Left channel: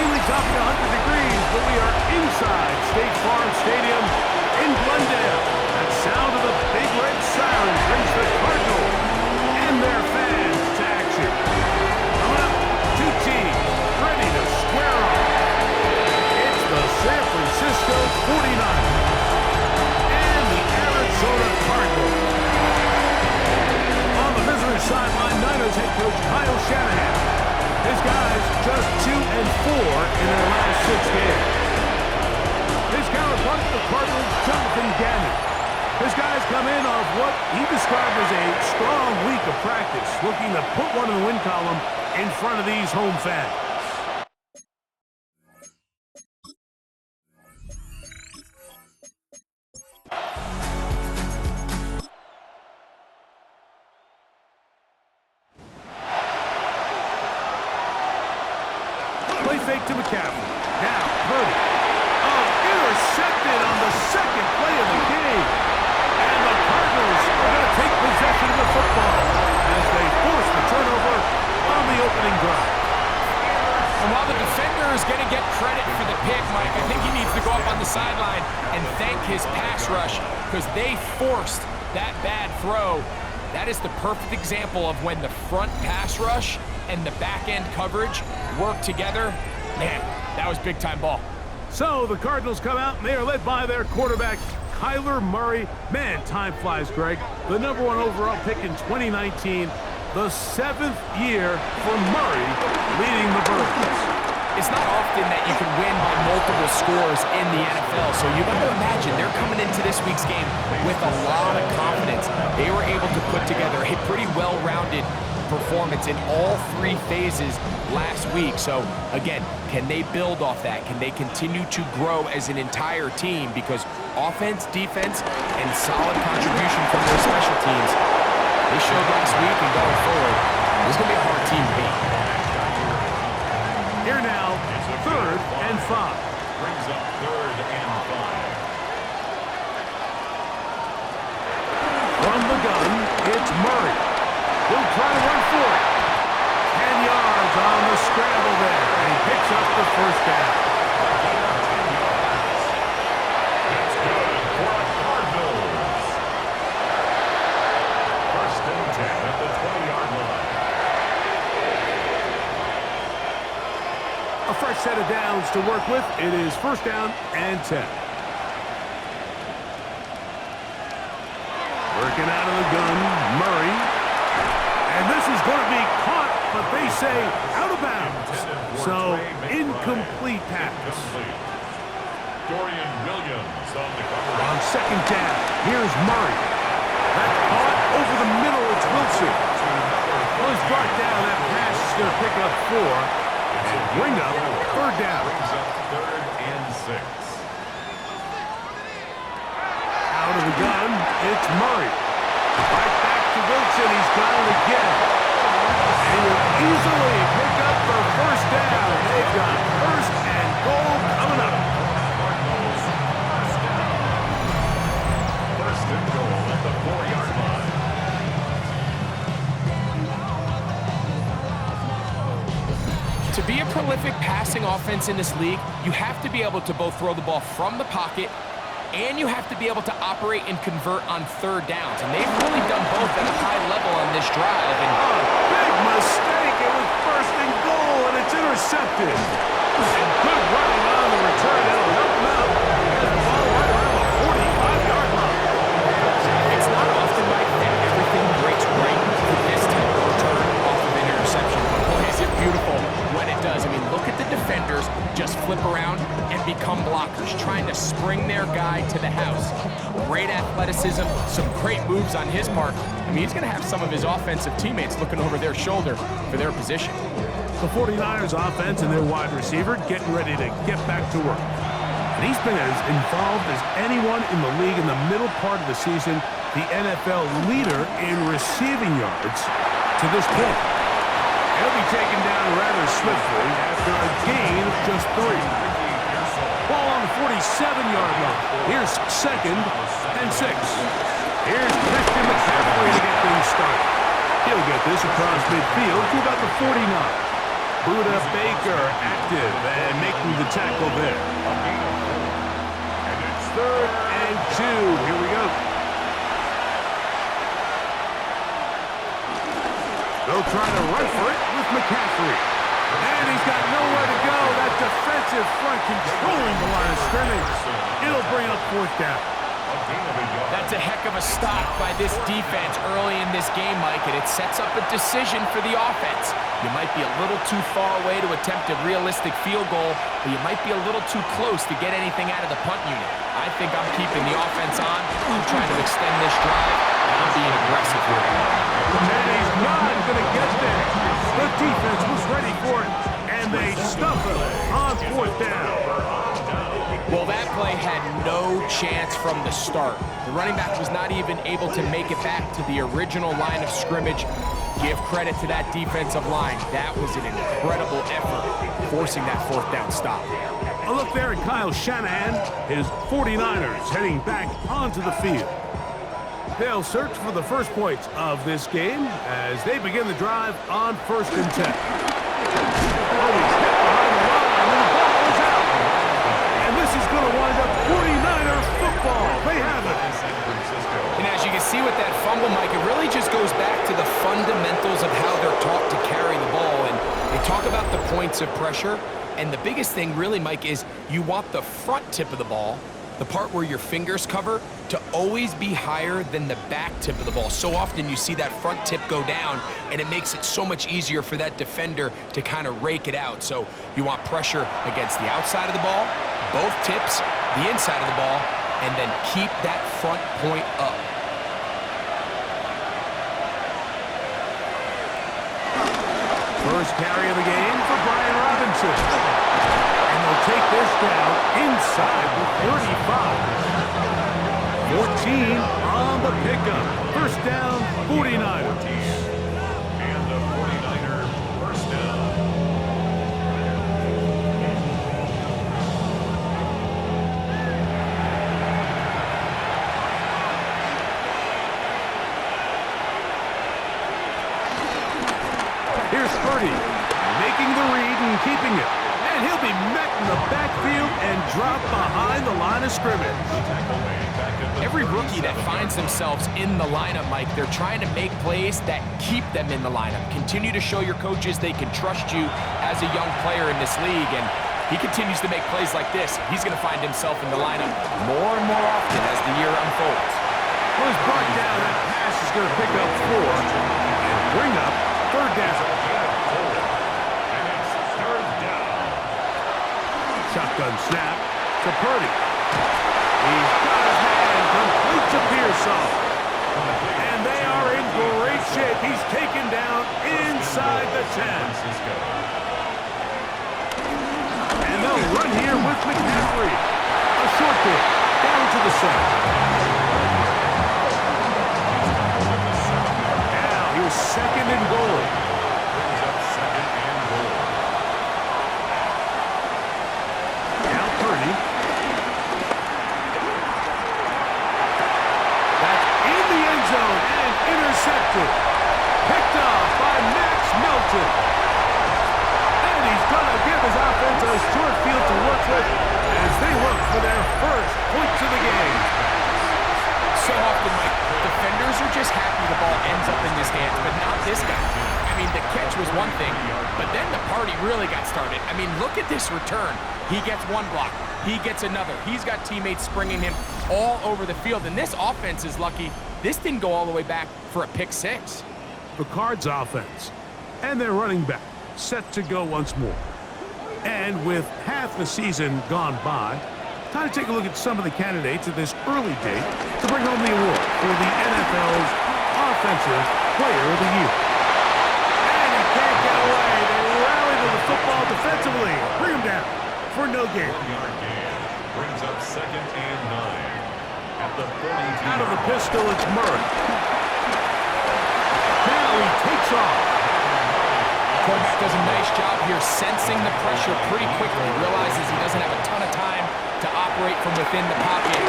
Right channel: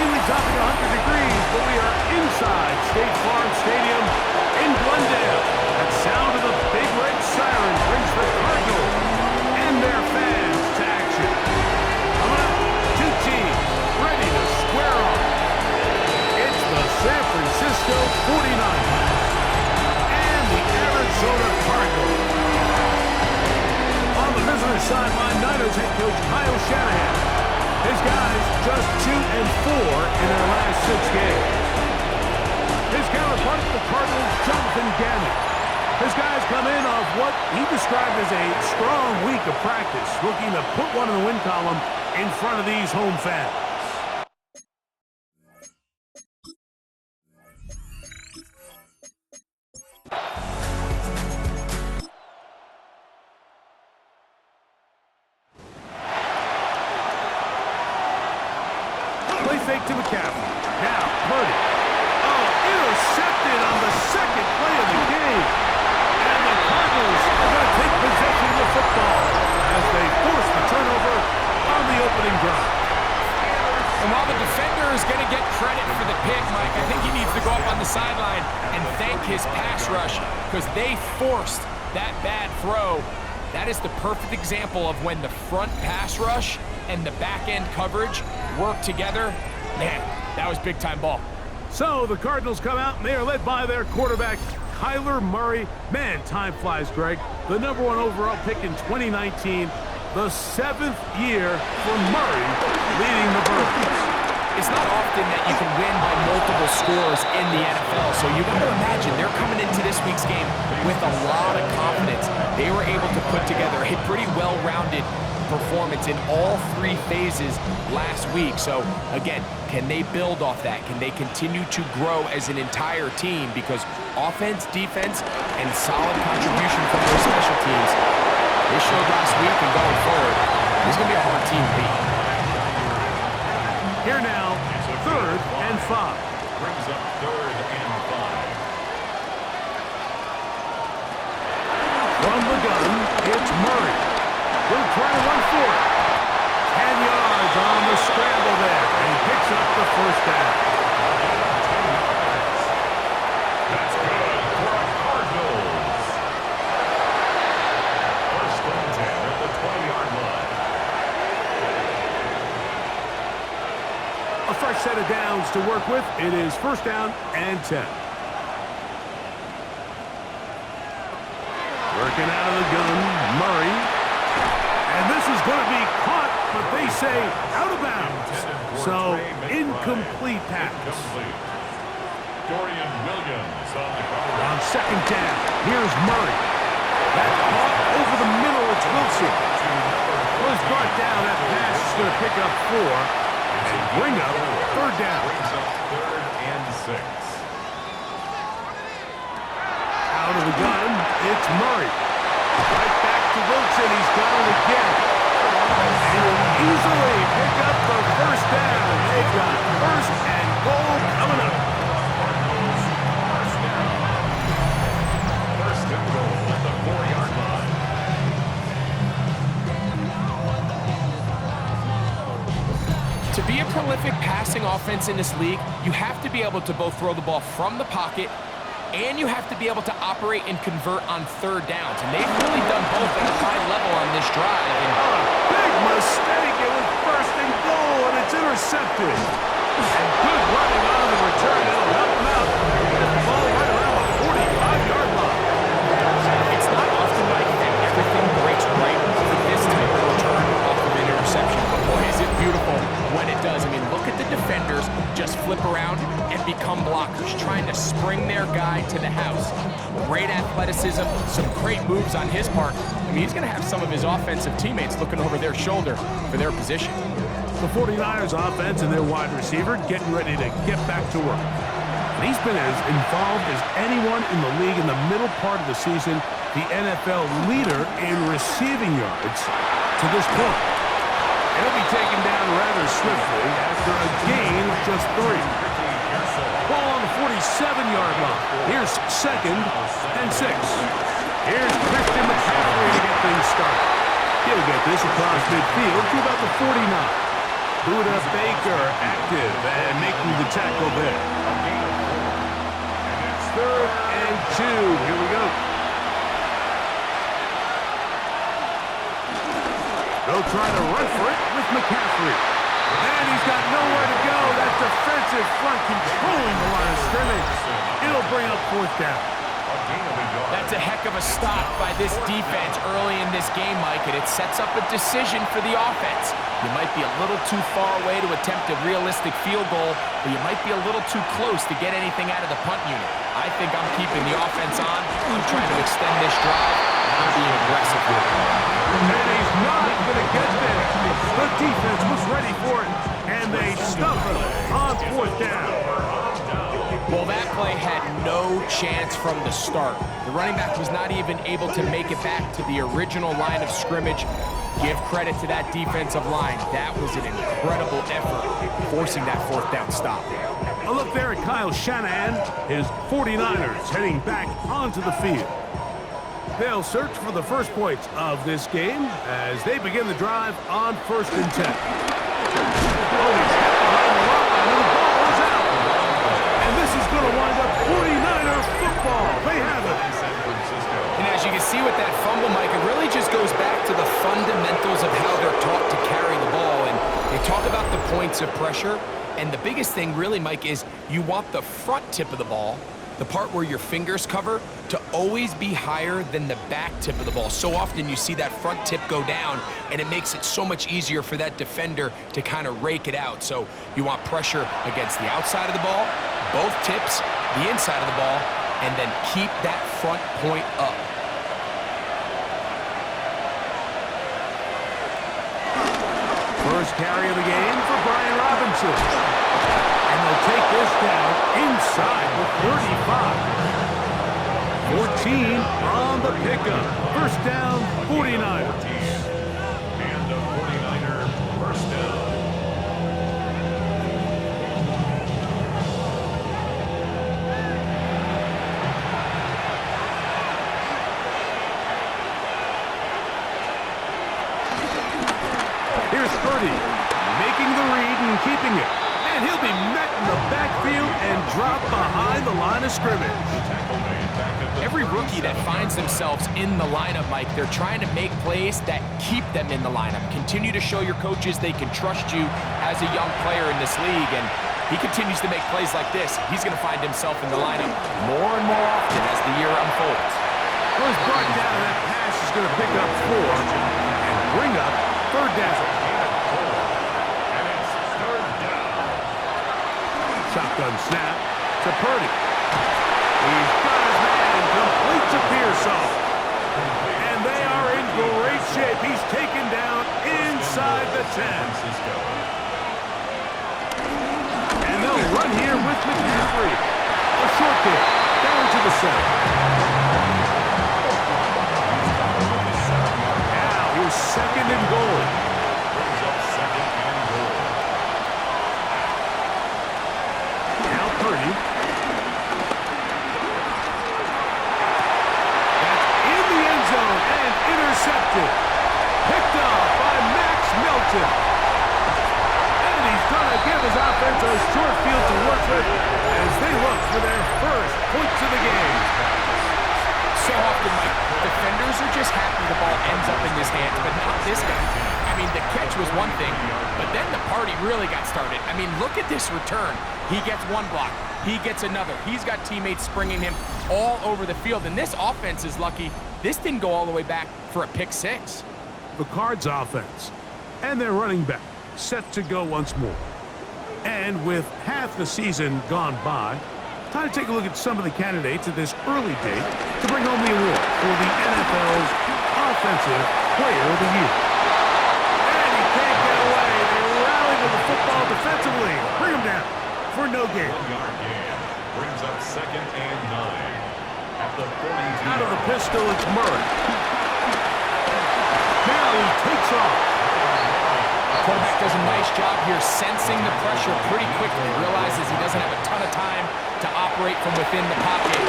routinely topping 100 degrees, but we are inside State Farm Stadium in Glendale. That sound of the big red siren brings the Cardinals and their fans to action. Coming up, two teams ready to square off. It's the San Francisco 49ers and the Arizona Cardinals. On the visitor sideline, Niners head coach Kyle Shanahan. His guys just 2-4 in their last 6 games. His counterpart, the Cardinals, Jonathan Gannon. His guys come in off what he described as a strong week of practice, looking to put one in the win column in front of these home fans. Play fake to McCaffrey. Now, Purdy. Oh, intercepted on the second play of the game. And the Cardinals are going to take possession of the football as they force the turnover on the opening drive. And while the defender is going to get credit for the pick, Mike, I think he needs to go up on the sideline and thank his pass rush because they forced that bad throw. That is the perfect example of when the front pass rush and the back-end coverage work together. Man, that was big-time ball. So the Cardinals come out, and they are led by their quarterback, Kyler Murray. Man, time flies, Greg. The #1 overall pick in 2019, the 7th year for Murray leading the Birds. It's not often that you can win by multiple scores in the NFL, so you got to imagine they're coming into this week's game with a lot of confidence. They were able to put together a pretty well-rounded performance in all 3 phases last week. So again, can they build off that? Can they continue to grow as an entire team? Because offense, defense, and solid contribution from their special teams, they showed last week, and going forward, this is going to be a hard team to beat. Here now, 3rd and 5. Brings up 3rd and 5. From the gun, it's Murray. He'll try to run for it. 10 yards on the scramble there, and he picks up the first down. A gain of 10 yards. That's good for a Cardinals. 1st and 10 at the 20-yard line. A fresh set of downs to work with. It is 1st down and 10. Working out of the gun, Murray. And this is going to be caught, but they say out of bounds. So, incomplete pass. Dorian Williams on the cover. On 2nd down, here's Murray. That's caught over the middle. It's Wilson. Was brought down. That pass is going to pick up 4 and bring up 3rd down. Brings up 3rd and 6. Out of the gun, it's Murray. Right back to Wilson. He's got it again. And he will easily pick up the 1st down. They've got 1st and goal coming up. Cardinals, 1st down. 1st and goal at the 4-yard line. To be a prolific passing offense in this league, you have to be able to both throw the ball from the pocket and you have to be able to operate and convert on 3rd downs. And they've really done both at a high level on this drive. And a big mistake. It was 1st and goal, and it's intercepted. And good running on the return. That'll help him out. He has the ball right around the 45-yard line. It's not often, Mike, that everything breaks right for this type of return off of an interception. But boy, is it beautiful when it does. I mean, look at the defenders just flip around and become blockers, trying to spring their guy to the house. Great athleticism, some great moves on his part. I mean, he's going to have some of his offensive teammates looking over their shoulder for their position. The 49ers offense and their wide receiver getting ready to get back to work. And he's been as involved as anyone in the league in the middle part of the season, the NFL leader in receiving yards to this point. He'll be taken down rather swiftly after a gain of just 3. Ball on the 47-yard line. Here's 2nd and 6. Here's Christian McCaffrey to get things started. He'll get this across midfield to about the 49. Buda Baker active and making the tackle there. A gain of 4. And it's 3rd and 2. Here we go. They'll try to run for it with McCaffrey. And he's got nowhere to go. That defensive front controlling the line of scrimmage. It'll bring up 4th down. A gain of a yard. That's a heck of a stop by this defense early in this game, Mike, and it sets up a decision for the offense. You might be a little too far away to attempt a realistic field goal, but you might be a little too close to get anything out of the punt unit. I think I'm keeping the offense on. I'm trying to extend this drive, and I'm being aggressive here. And he's not going to get there. The defense was ready for it, and they stuff it on 4th down. Well, that play had no chance from the start. The running back was not even able to make it back to the original line of scrimmage. Give credit to that defensive line. That was an incredible effort, forcing that 4th down stop. A look there at Kyle Shanahan, his 49ers heading back onto the field. They'll search for the first points of this game as they begin the drive on 1st and 10. Oh, he's hit behind the line, and the ball is out. And this is going to wind up 49er football. They have it. And as you can see with that fumble, Mike, it really just goes back to the fundamentals of how they're taught to carry the ball. And they talk about the points of pressure. And the biggest thing really, Mike, is you want the front tip of the ball, the part where your fingers cover, to always be higher than the back tip of the ball. So often you see that front tip go down, and it makes it so much easier for that defender to kind of rake it out. So you want pressure against the outside of the ball, both tips, the inside of the ball, and then keep that front point up. First carry of the game for Brian Robinson. And they'll take this down inside the 35. 14 on the pickup. First down, 49ers. And a 49er first down. Here's Purdy, making the read and keeping it. And he'll be met in the backfield and dropped behind the line of scrimmage. Every rookie that finds themselves in the lineup, Mike, they're trying to make plays that keep them in the lineup. Continue to show your coaches they can trust you as a young player in this league. And he continues to make plays like this. He's going to find himself in the lineup more and more often as the year unfolds. Well, he's brought down. That pass is going to pick up 4 and bring up 3rd down. Shotgun snap to Purdy. He's got his man, complete to Pearsall. And they are in great shape. He's taken down inside the 10. And they'll run here with McCaffrey. A short kick down to the 7. Now here's 2nd and goal. Brings up 2nd and goal. Purdy. That's in the end zone and intercepted. Picked off by Max Melton. And he's going to give his offense a short field to work with as they look for their first points of the game. So often, Mike, defenders are just happy the ball ends up in his hands, but not this guy. I mean, the catch was one thing, but then the party really got started. I mean, look at this return. He gets one block. He gets another. He's got teammates springing him all over the field, and this offense is lucky. This didn't go all the way back for a pick 6. The Cards offense and their running back set to go once more. And with half the season gone by, time to take a look at some of the candidates at this early date to bring home the award for the NFL's Offensive Player of the Year. And he can't get away. They rally to the football defensively. Bring him down for no gain. 1-yard gain. Brings up 2nd and 9. At the 42. Out of the pistol, it's Murray. Now he takes off. Quarterback does a nice job here sensing the pressure pretty quickly. Realizes he doesn't have a ton of time to operate from within the pocket.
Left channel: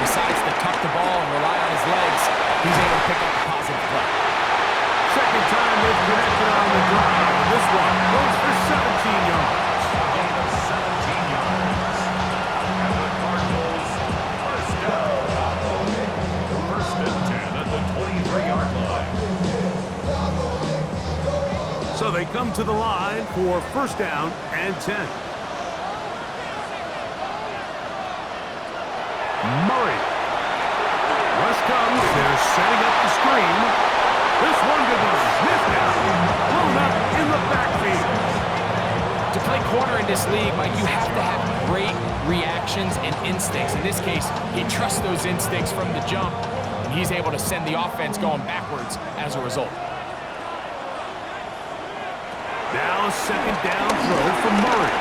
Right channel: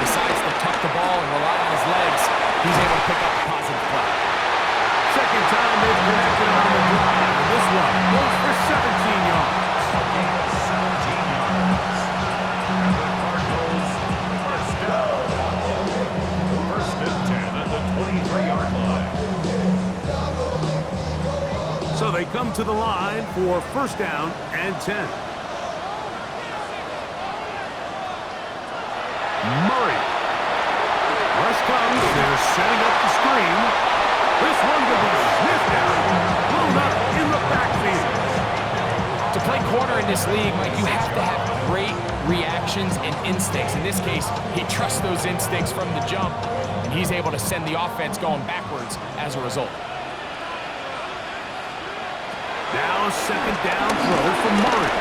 Decides to tuck the ball and rely on his legs. He's able to pick up a positive play. So second time they've connected on the drive. And this one goes for 17 yards. Gain of 17 yards. And the Cardinals first down. First and 10 at the 23-yard line. So they come to the line for first down and 10. Murray. Rush comes. They're setting up the screen. This one could be sniffed out. Blown up in the backfield. To play corner in this league, Mike, you have to have great reactions and instincts. In this case, he trusts those instincts from the jump, and he's able to send the offense going backwards as a result. Now a second down throw from Murray.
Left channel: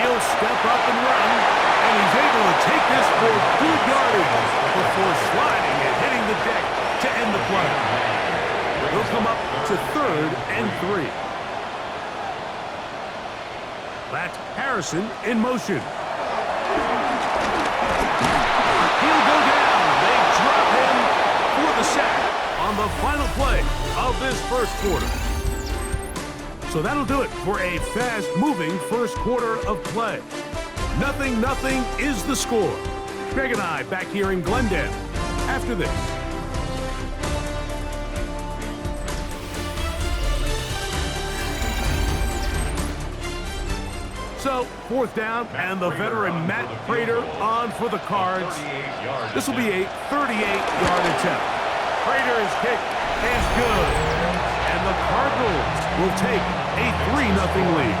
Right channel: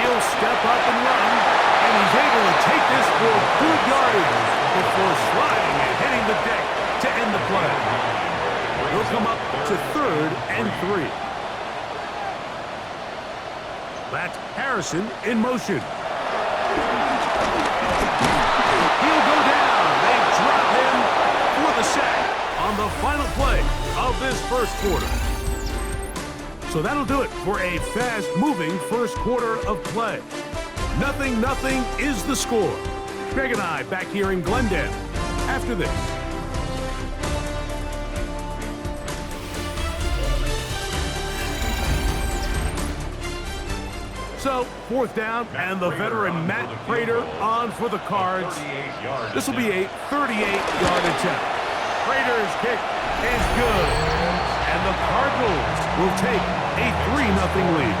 He'll step up and run, and he's able to take this for good yardage before sliding and hitting the deck to end the play. He'll come up to 3rd and 3. That's Harrison in motion. He'll go down. They drop him for the sack on the final play of this first quarter. So that'll do it for a fast-moving first quarter of play. 0-0 is the score. Greg and I back here in Glendale after this. So, fourth down, and the veteran Matt Prater on for the Cards. This will be a 38-yard attempt. Prater's kick is good, and the Cardinals will take a 3-0 lead.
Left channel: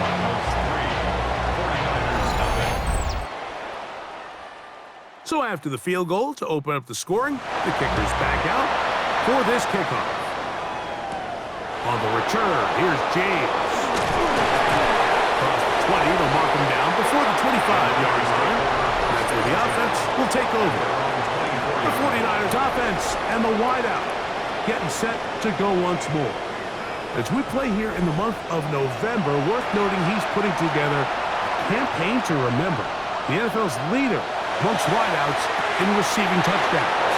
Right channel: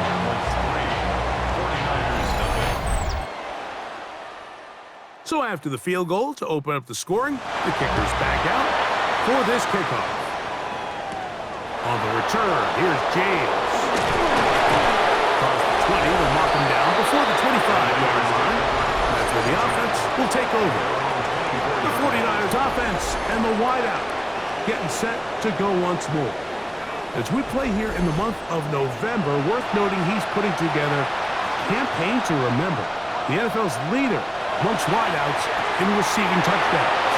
So after the field goal to open up the scoring, the kicker's back out for this kickoff. On the return, here's James. Across the 20, they'll mark him down before the 25-yard line. That's where the offense will take over. The 49ers offense and the wideout getting set to go once more. As we play here in the month of November, worth noting he's putting together a campaign to remember. The NFL's leader amongst wideouts in receiving touchdowns.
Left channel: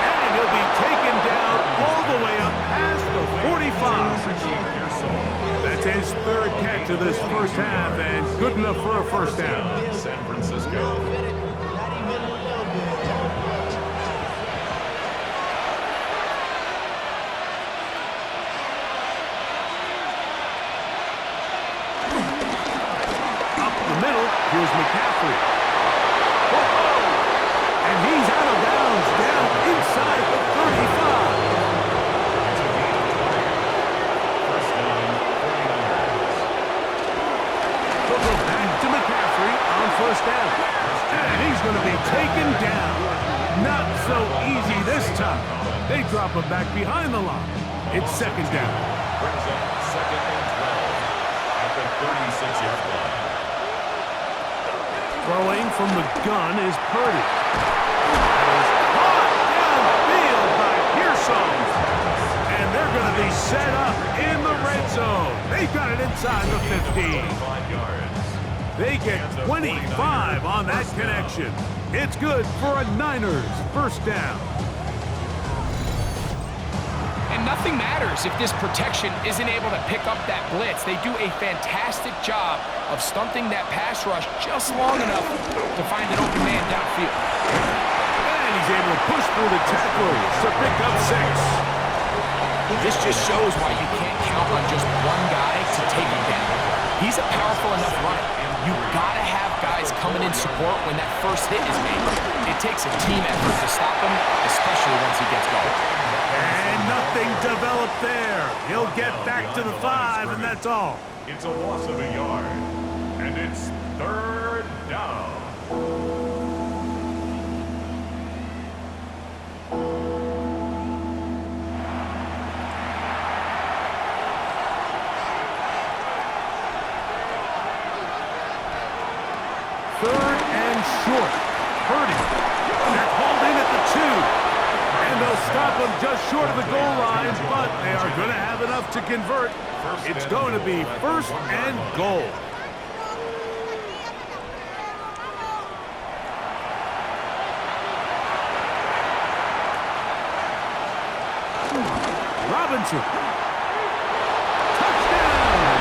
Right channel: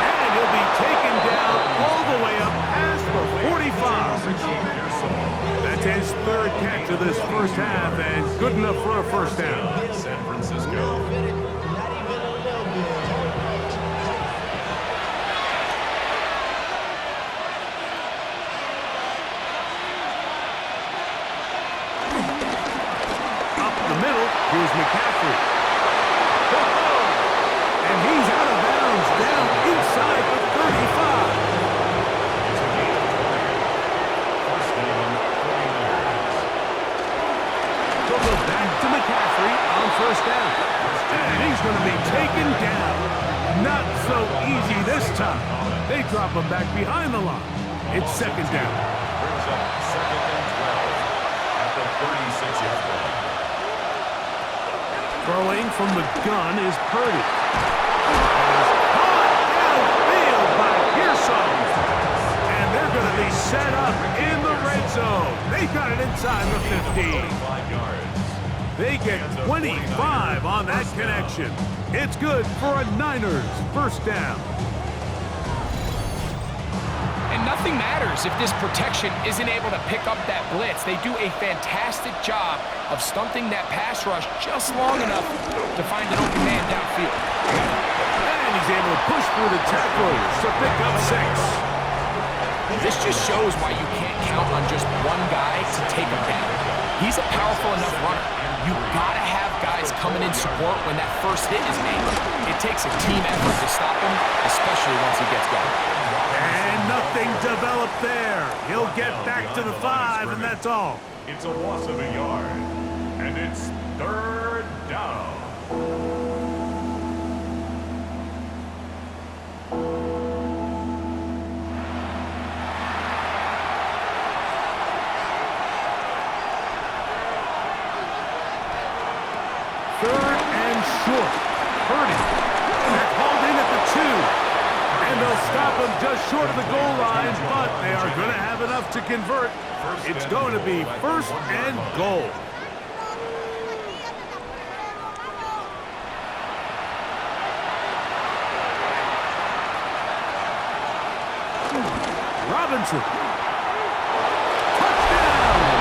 And he'll be taken down all the way up past the 45. That's his 3rd catch of this first half, and good enough for a first down. San Francisco. Middle, here's McCaffrey. Whoa! And he's out of bounds, down inside the 35. It's a gain of 20. First down, 49ers. They'll go back to McCaffrey on first down. And he's going to be taken down. Not so easy this time. They drop him back behind the line. It's second down. Brings up 2nd and 12 at the 36-yard line. Throwing from the gun is Purdy. That is caught downfield by Pearson. And they're going to be set up in the red zone. They got it inside the 15. 25 yards. They get 25 on that connection. It's good for a Niners first down. And nothing matters if this protection isn't able to pick up that blitz. They do a fantastic job of stunting that pass rush just long enough to find an open man downfield. And he's able to push through the tacklers to pick up 6. This just shows why you can't count on just one guy to take him down. He's a powerful enough runner. You gotta have guys coming in support when that first hit is made. It takes a team effort to stop him, especially once he gets going. And nothing developed there. He'll get back to the 5, and that's all. It's a loss of a yard, and it's 3rd down. Third and short. Purdy. They're called in at the 2. And they'll stop him just short of the goal line, but they are going to have enough to convert. It's going to be 1st and goal. Robinson. Touchdown!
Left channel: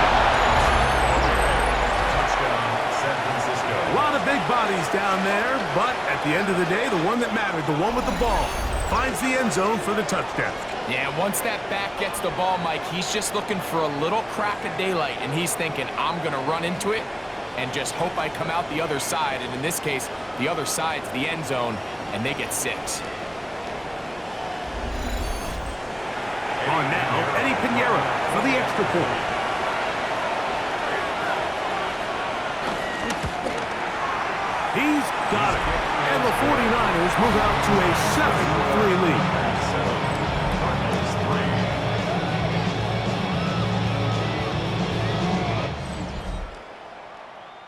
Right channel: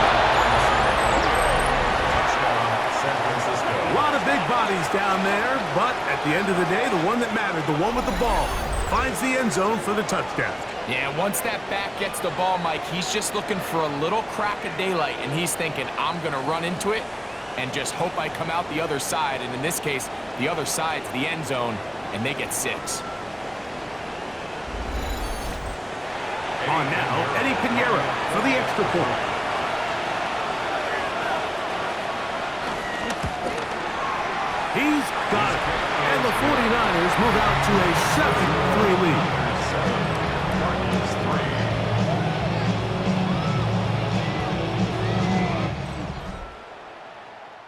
Touchdown, San Francisco. A lot of big bodies down there, but at the end of the day, the one that mattered, the one with the ball, finds the end zone for the touchdown. Yeah, once that back gets the ball, Mike, he's just looking for a little crack of daylight, and he's thinking, I'm going to run into it and just hope I come out the other side. And in this case, the other side's the end zone, and they get 6. On now, Eddie Pinheiro for the extra point. He's got it. And the 49ers move out to a 7-3 lead. 7, Cardinals 3.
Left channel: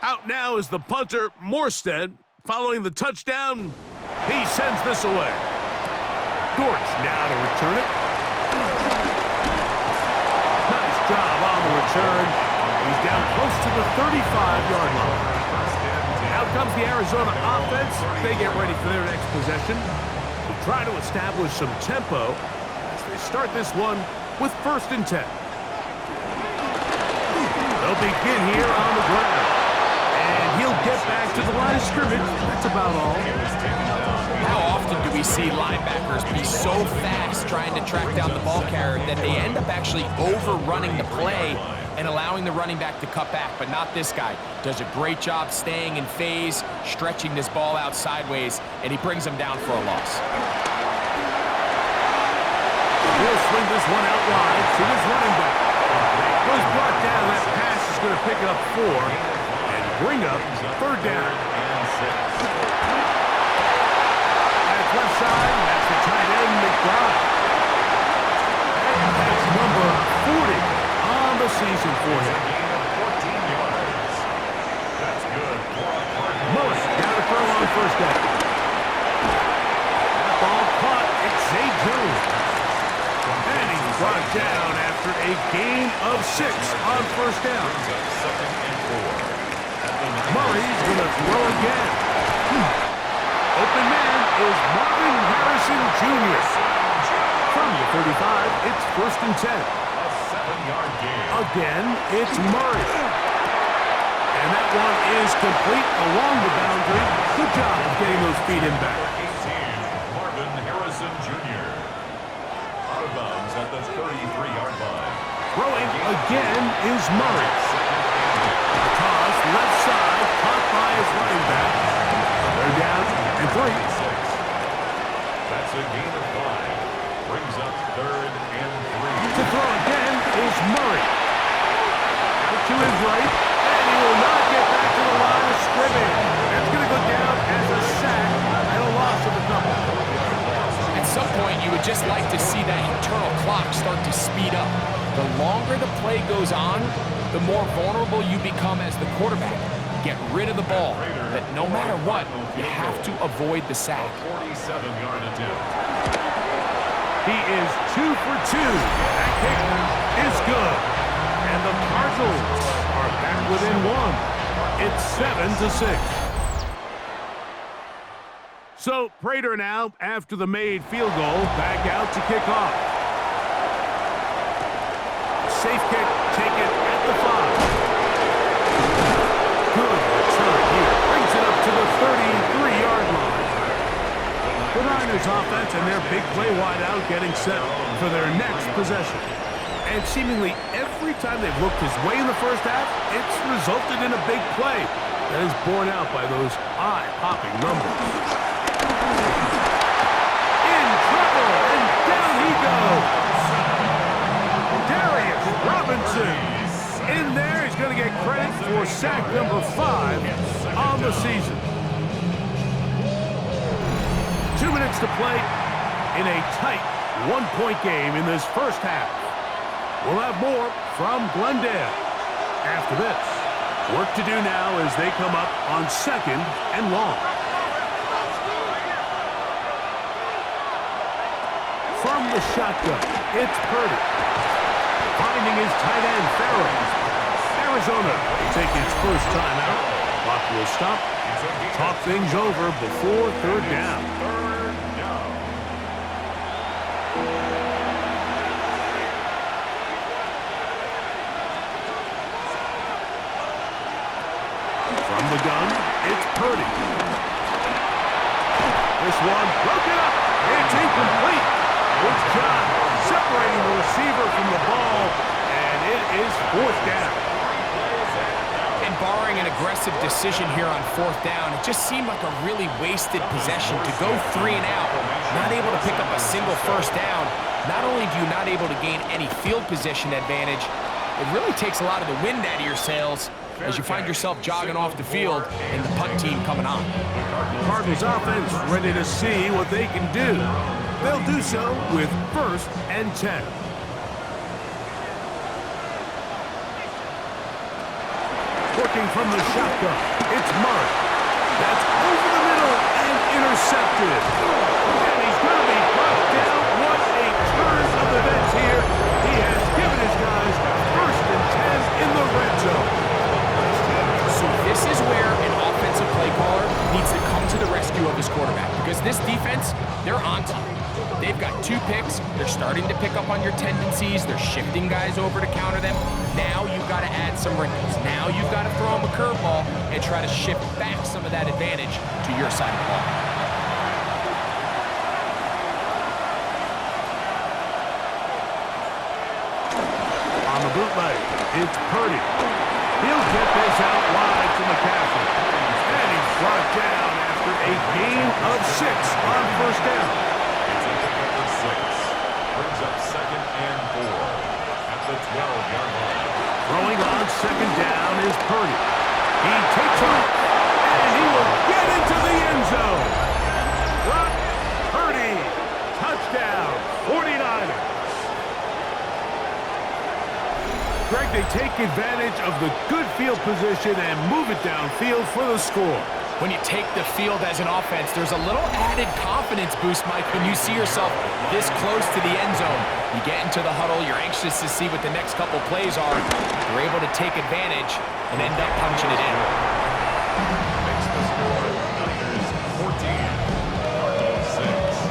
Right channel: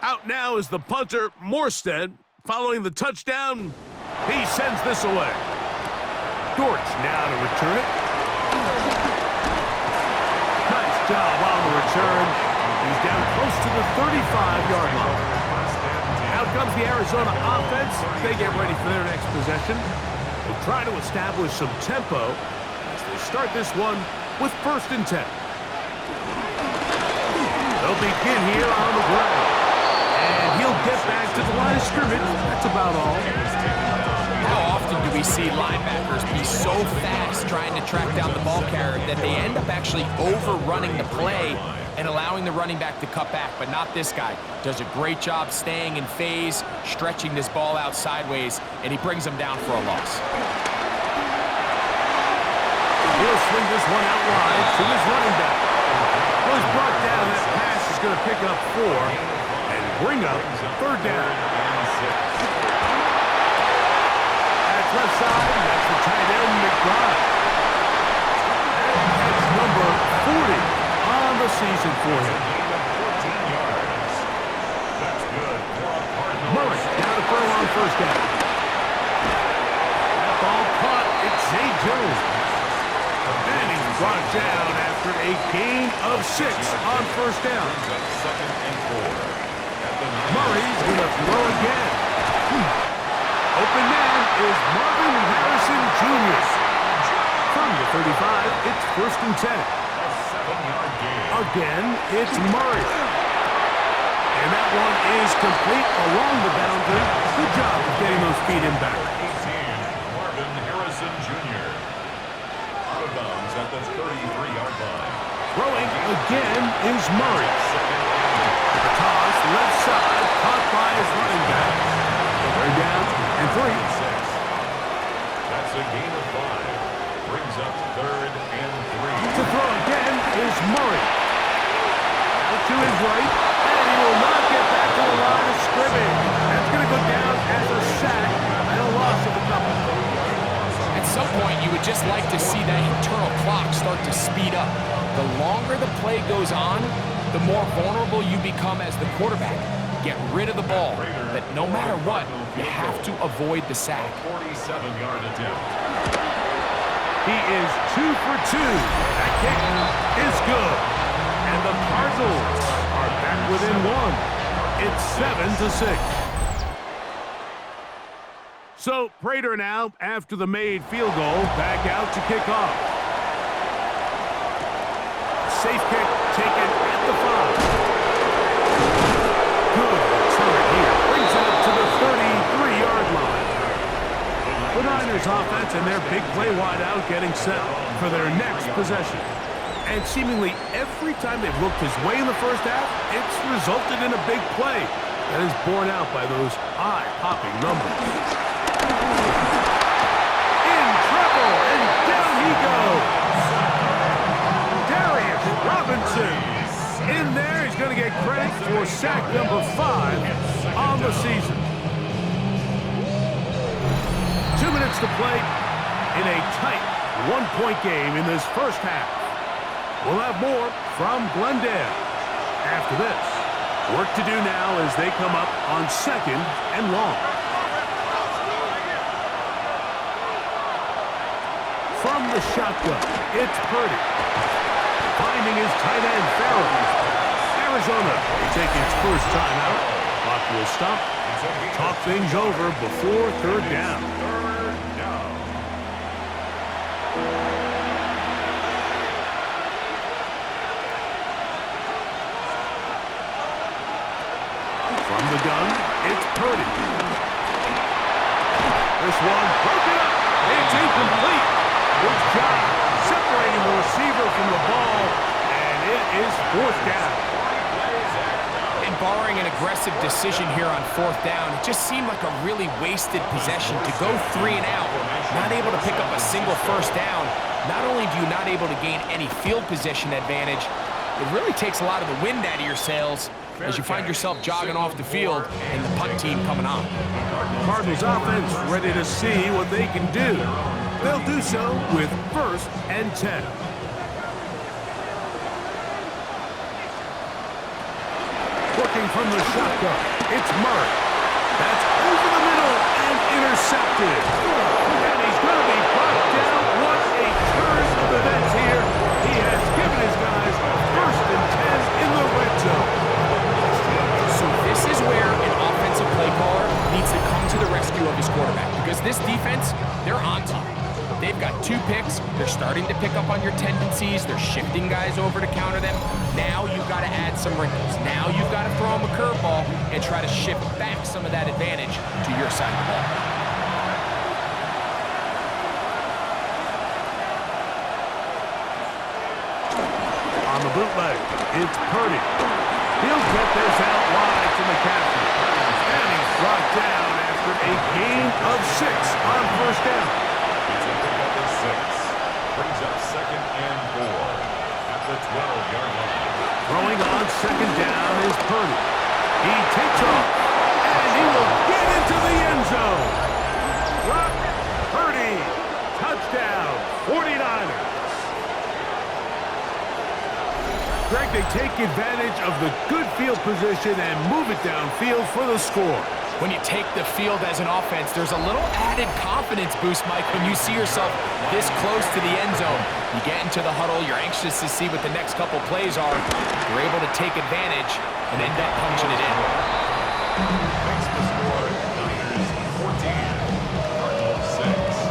Out now is the punter, Morstead. Following the touchdown, he sends this away. Dortch now to return it. Nice job on the return. He's down close to the 35-yard line. Out comes the Arizona offense. They get ready for their next possession. They'll try to establish some tempo as they start this one with 1st and 10. They'll begin here on the ground. And he'll get back to the line of scrimmage. That's about all. How often do we see linebackers be so fast trying to track down the ball carrier that they end up actually overrunning the play and allowing the running back to cut back? But not this guy. Does a great job staying in phase, stretching this ball out sideways, and he brings him down for a loss. He'll swing this one out wide to his running back. Well, he's brought down. That pass is going to pick up 4 and bring up 3rd down. That's left side, and that's the tight end, McBride. That's number 40 on the season for him. Gain of 14 yards. That's good for a Cardinals. Murray down to throw on 1st down. That ball caught. It's Zay Jones. And he's brought down after a gain of 6 on 1st down. Brings up 2nd and 4. Murray's going to throw again. Open man is Marvin Harrison Jr. From the 35, it's 1st and 10. A 7-yard gain. Again, it's Murray. And that one is complete along the boundary. Good job of getting those feet in back. 18, Marvin Harrison Jr. Out of bounds at the 33-yard line. Throwing again is Murray. The toss, left side, caught by his running back. They're down and 3. That's a gain of 5. Brings up 3rd and 3. To throw again is Murray. Out to his right, and he will not get back to the line of scrimmage. That's going to go down as a sack and a loss of a couple. At some point, you would just like to see that internal clock start to speed up. The longer the play goes on, the more vulnerable you become as the quarterback. Get rid of the ball, but no matter what, you have to avoid the sack. 47-yard attempt. He is 2 for 2. That kick is good. And the Cardinals are back within 1. It's 7-6. So Prater now, after the made field goal, back out to kick off. Safe kick taken at the 5. Good return here. Brings it up to the 33-yard line. The Niners offense and their big play wide out getting set for their next possession. And seemingly every time they've looked his way in the first half, it's resulted in a big play that is borne out by those eye-popping numbers. In trouble, and down he goes. Darius Robinson. In there, he's going to get credit for sack number 5 on the season. 2 minutes to play in a tight 1-point game in this first half. We'll have more from Glendale after this. Work to do now as they come up on 2nd and long. From the shotgun, it's Purdy. Finding his tight end, Farrell. Arizona will take its first timeout. Clock will stop. Talk things over before 3rd down. From the gun, it's Purdy. This one broken up. It's incomplete. Good job separating the receiver from the ball, and it is 4th down. And barring an aggressive decision here on 4th down, it just seemed like a really wasted possession to go 3 and out, not able to pick up a single 1st down. Not only do you not able to gain any field position advantage, it really takes a lot of the wind out of your sails as you find yourself jogging off the field and the punt team coming on. Cardinals offense ready to see what they can do. They'll do so with 1st and 10. Working from the shotgun, it's Murray. That's over the middle and intercepted. And he's going to be brought down. What a turn of events here. He has given his guys 1st and 10 in the red zone. So this is where an offensive play caller needs to come to the rescue of his quarterback, because this defense, they're onto you. They've got 2 picks. They're starting to pick up on your tendencies. They're shifting guys over to counter them. Now you've got to add some wrinkles. Now you've got to throw them a curveball and try to shift back some of that advantage to your side of the ball. On the bootleg, it's Purdy. He'll get this out wide to McCaffrey. And he's brought down after a gain of 6 on 1st down. It's a pickup of 6. Brings up 2nd and 4 at the 12-yard line. Throwing on 2nd down is Purdy. He takes off, and he will get into the end zone. Brock Purdy, touchdown, 49ers. Greg, they take advantage of the good field position and move it downfield for the score. When you take the field as an offense, there's a little added confidence boost, Mike, when you see yourself this close to the end zone. You get into the huddle, you're anxious to see what the next couple plays are. You're able to take advantage and end up punching it in. Makes the score Niners 14, Cardinals 6.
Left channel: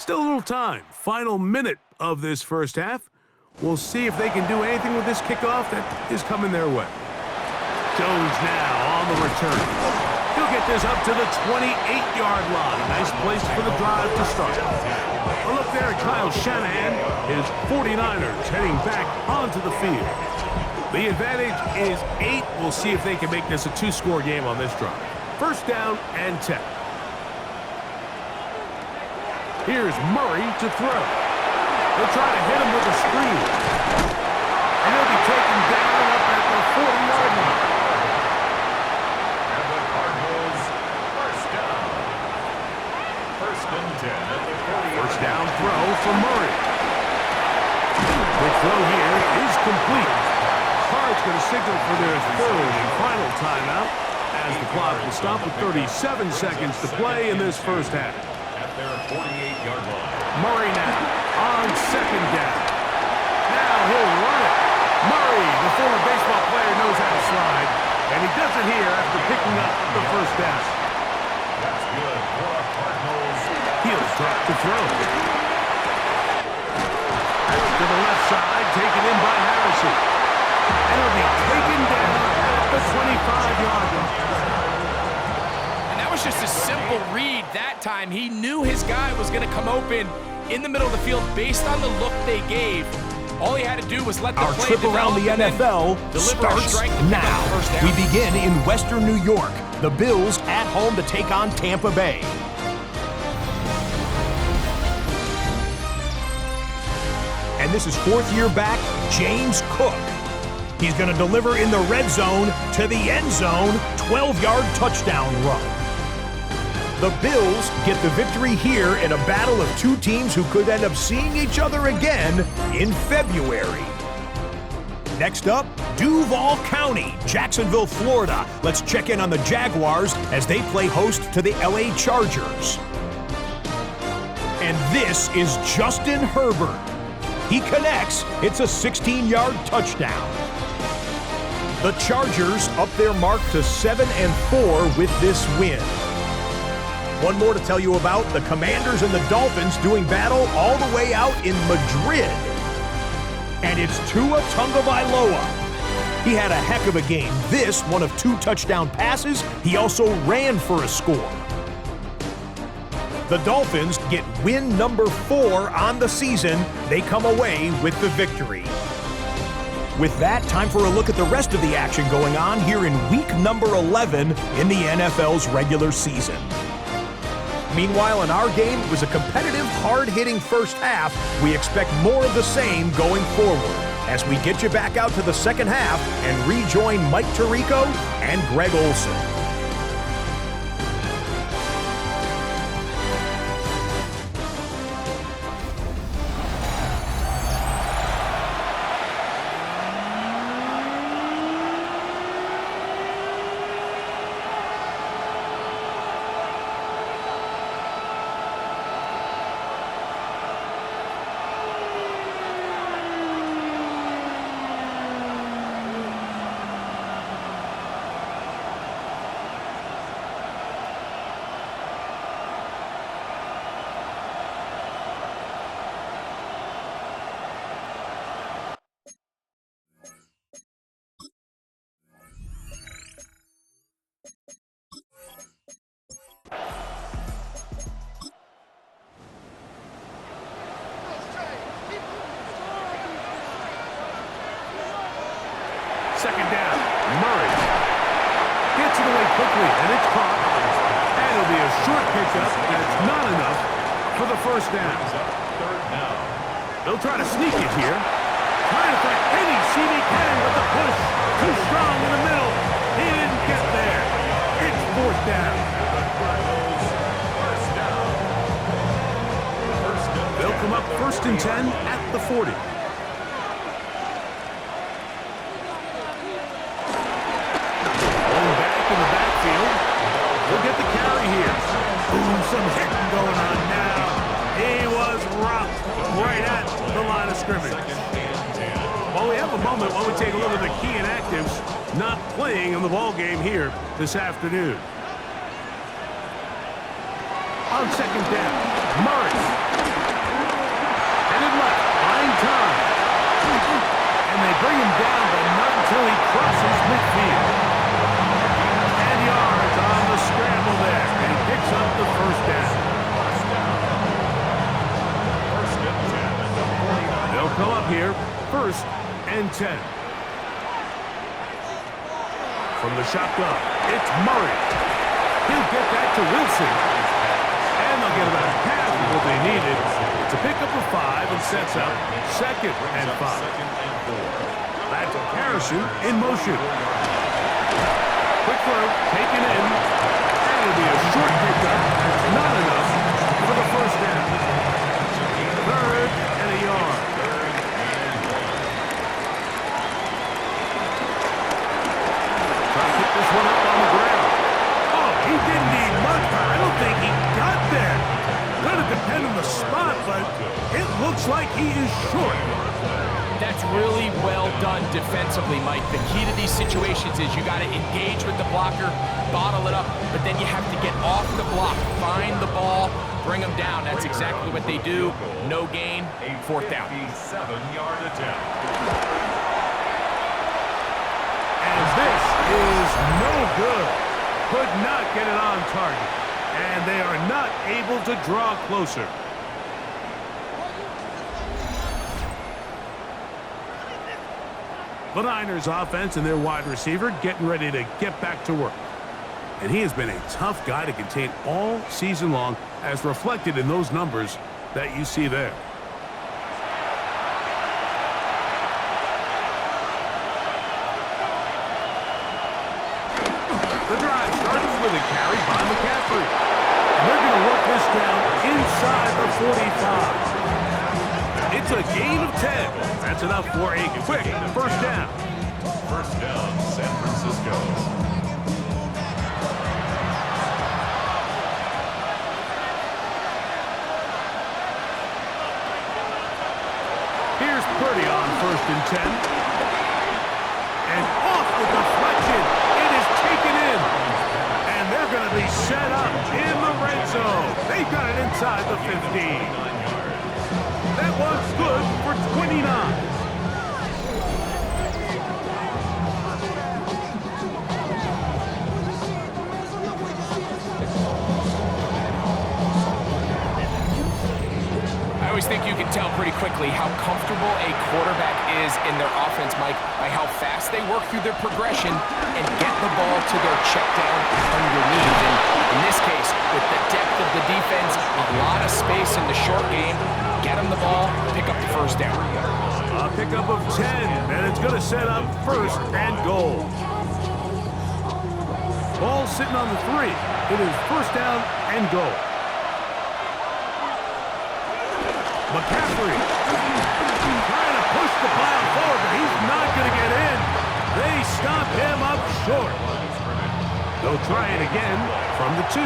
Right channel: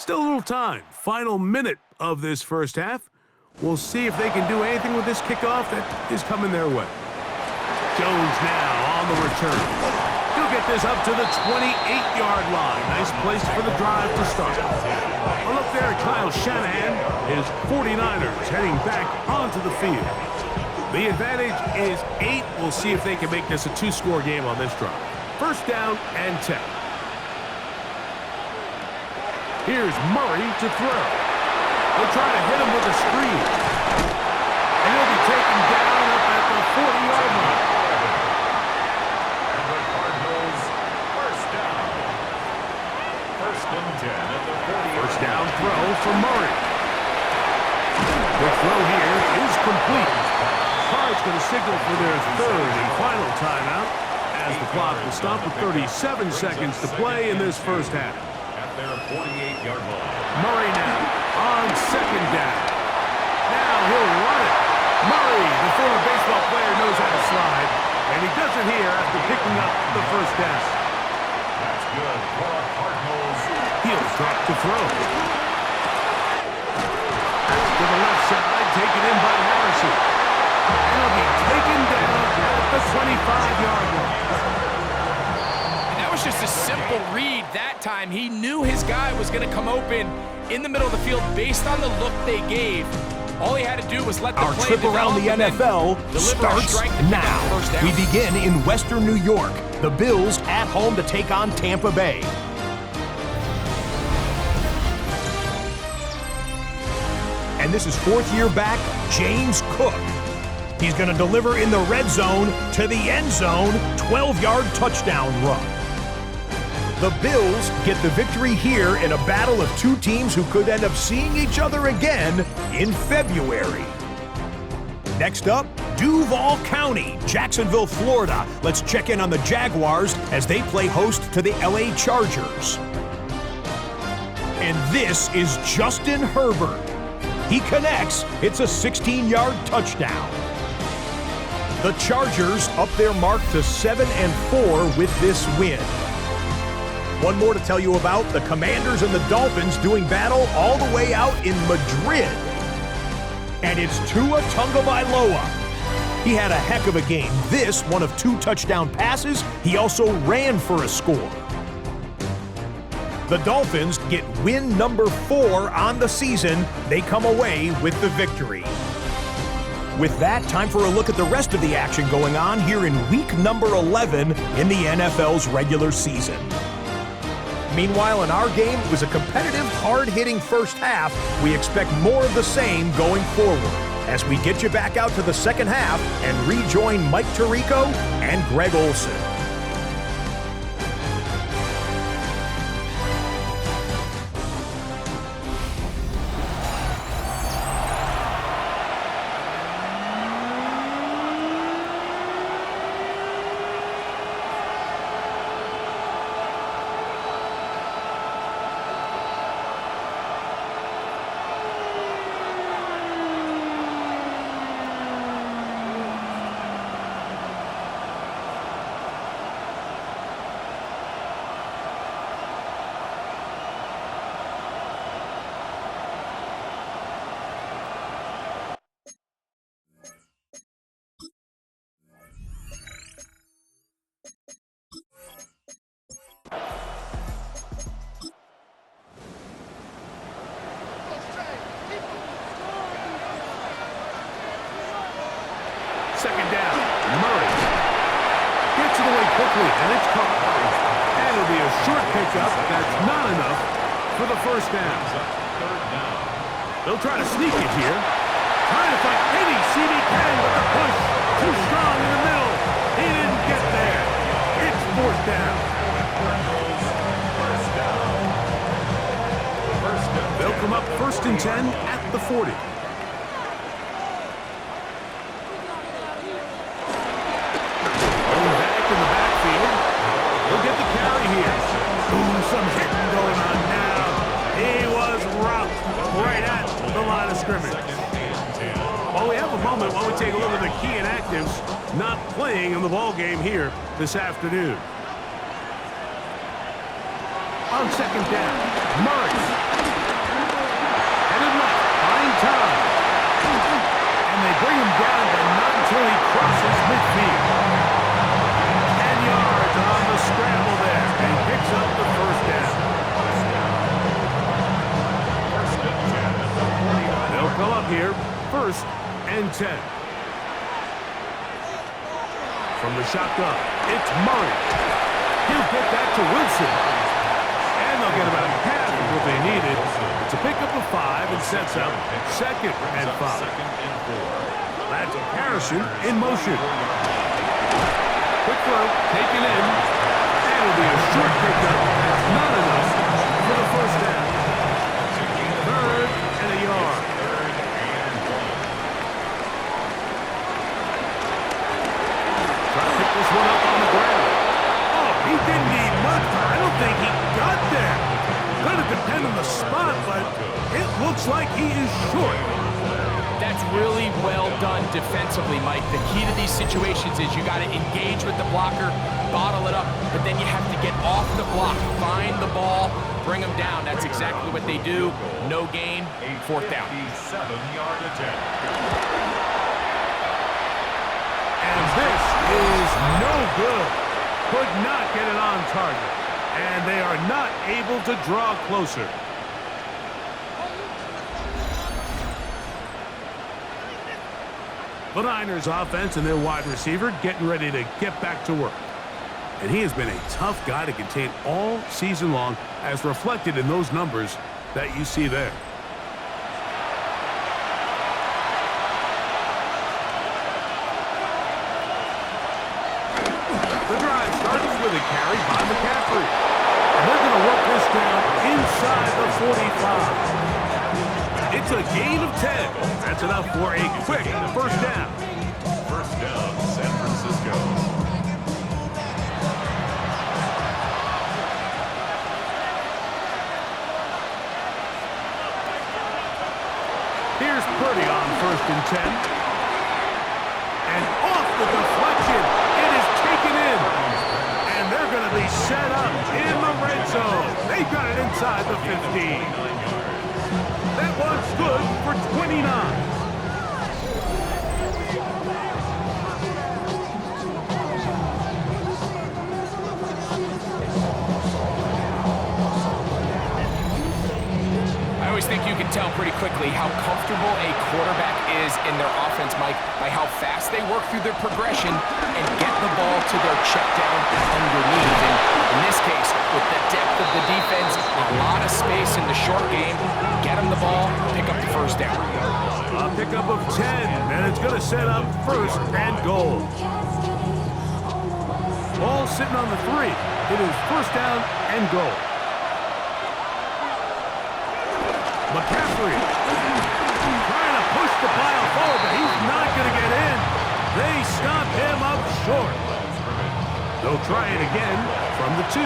Still a little time. Final minute of this 1st half. We'll see if they can do anything with this kickoff that is coming their way. Jones now on the return. He'll get this up to the 28-yard line. Nice place for the drive to start. A look there at Kyle Shanahan. His 49ers heading back onto the field. The advantage is 8. We'll see if they can make this a 2-score game on this drive. 1st down and 10. Here's Murray to throw. They'll try to hit him with a screen. And he'll be taken down up at the 40-yard line. And the Cardinals, 1st down. 1st and 10 at the 40-yard line. 1st down throw for Murray. Quick throw here is complete. Cards going to signal for their 3rd and final timeout as the clock will stop with 37 seconds to play in this 1st half. At their 48-yard line. Murray now on 2nd down. Now he'll run it. Murray, the former baseball player, knows how to slide, and he does it here after picking up the 1st down. That's good for the Cardinals. He'll drop to throw. That's to the left side, taken in by Harrison. And he'll be taken down at the 25-yard line. Was just a simple read that time. He knew his guy was going to come open in the middle of the field based on the look they gave. All he had to do was let the Our play trip around the NFL starts now. We begin in Western New York. The Bills at home to take on Tampa Bay. And this is 4th year back, James Cook. He's going to deliver in the red zone to the end zone, 12-yard touchdown run. The Bills get the victory here in a battle of 2 teams who could end up seeing each other again in February. Next up, Duval County, Jacksonville, Florida. Let's check in on the Jaguars as they play host to the LA Chargers. And this is Justin Herbert. He connects. It's a 16-yard touchdown. The Chargers up their mark to 7-4 with this win. One more to tell you about, the Commanders and the Dolphins doing battle all the way out in Madrid. And it's Tua Tagovailoa. He had a heck of a game. This, one of 2 touchdown passes. He also ran for a score. The Dolphins get win number 4 on the season. They come away with the victory. With that, time for a look at the rest of the action going on here in week number 11 in the NFL's regular season. Meanwhile, in our game, it was a competitive, hard-hitting first half. We expect more of the same going forward as we get you back out to the second half and rejoin Mike Tirico and Greg Olson. Second down, Murray gets it away quickly, and it's caught. And it'll be a short pickup. That's not enough for the first down. Third down. They'll try to sneak it here. Trying to find any seam he can, but the push too strong in the middle. He didn't get there. It's fourth down. Cardinals, first down. They'll come up first and 10 at the 40. In the backfield, he'll get the carry here. Ooh, some hitting going on now. He was rocked right at the line of scrimmage. Well, we have a moment while we take a look at the key inactives not playing in the ball game here this afternoon. On second down, Murray. Headed left, buying time. And they bring him down, but not until he crosses midfield. Yards on the scramble there, and he picks up the first down. First and 10 at the 49. They'll come up here, first and 10. From the shotgun, it's Murray. He'll get that to Wilson. And they'll get about half of what they needed. It's a pickup of 5 and sets up second and 5. Second and 4. That's Harrison in motion. Quick throw, taken in, and it'll be a short pickup. That's not enough for the first down. Third and a yard. Third and 1. Try to pick this one up on the ground. Oh, he didn't need much, but I don't think he got there. Gonna depend on the spot, but it looks like he is short. That's really well done defensively, Mike. The key to these situations is you got to engage with the blocker, bottle it up, but then you have to get off the block, find the ball, bring them down. That's exactly what they do. No gain, fourth down. 57-yard attempt. And this is no good. Could not get it on target. And they are not able to draw closer. The Niners offense and their wide receiver getting ready to get back to work. And he has been a tough guy to contain all season long, as reflected in those numbers that you see there. The drive starts with a carry by McCaffrey. And they're going to work this down inside the 45. It's a gain of 10. That's enough for a quick first down. First down, San Francisco. Here's Purdy on first and 10. And off the deflection, it is taken in. And they're going to be set up in the red zone. They've got it inside the 15. That one's good for 29. I always think you can tell pretty quickly how comfortable a quarterback is in their offense, Mike, by how fast they work through their progression and get the ball to their check down underneath. And in this case, with the depth of the defense, a lot of space in the short game, get them the ball, pick up the first down. A pickup of 10, and it's going to set up first and goal. Ball sitting on the 3. It is first down and goal. McCaffrey trying to push the pile forward, but he's not going to get in. They stop him up short. They'll try it again from the 2.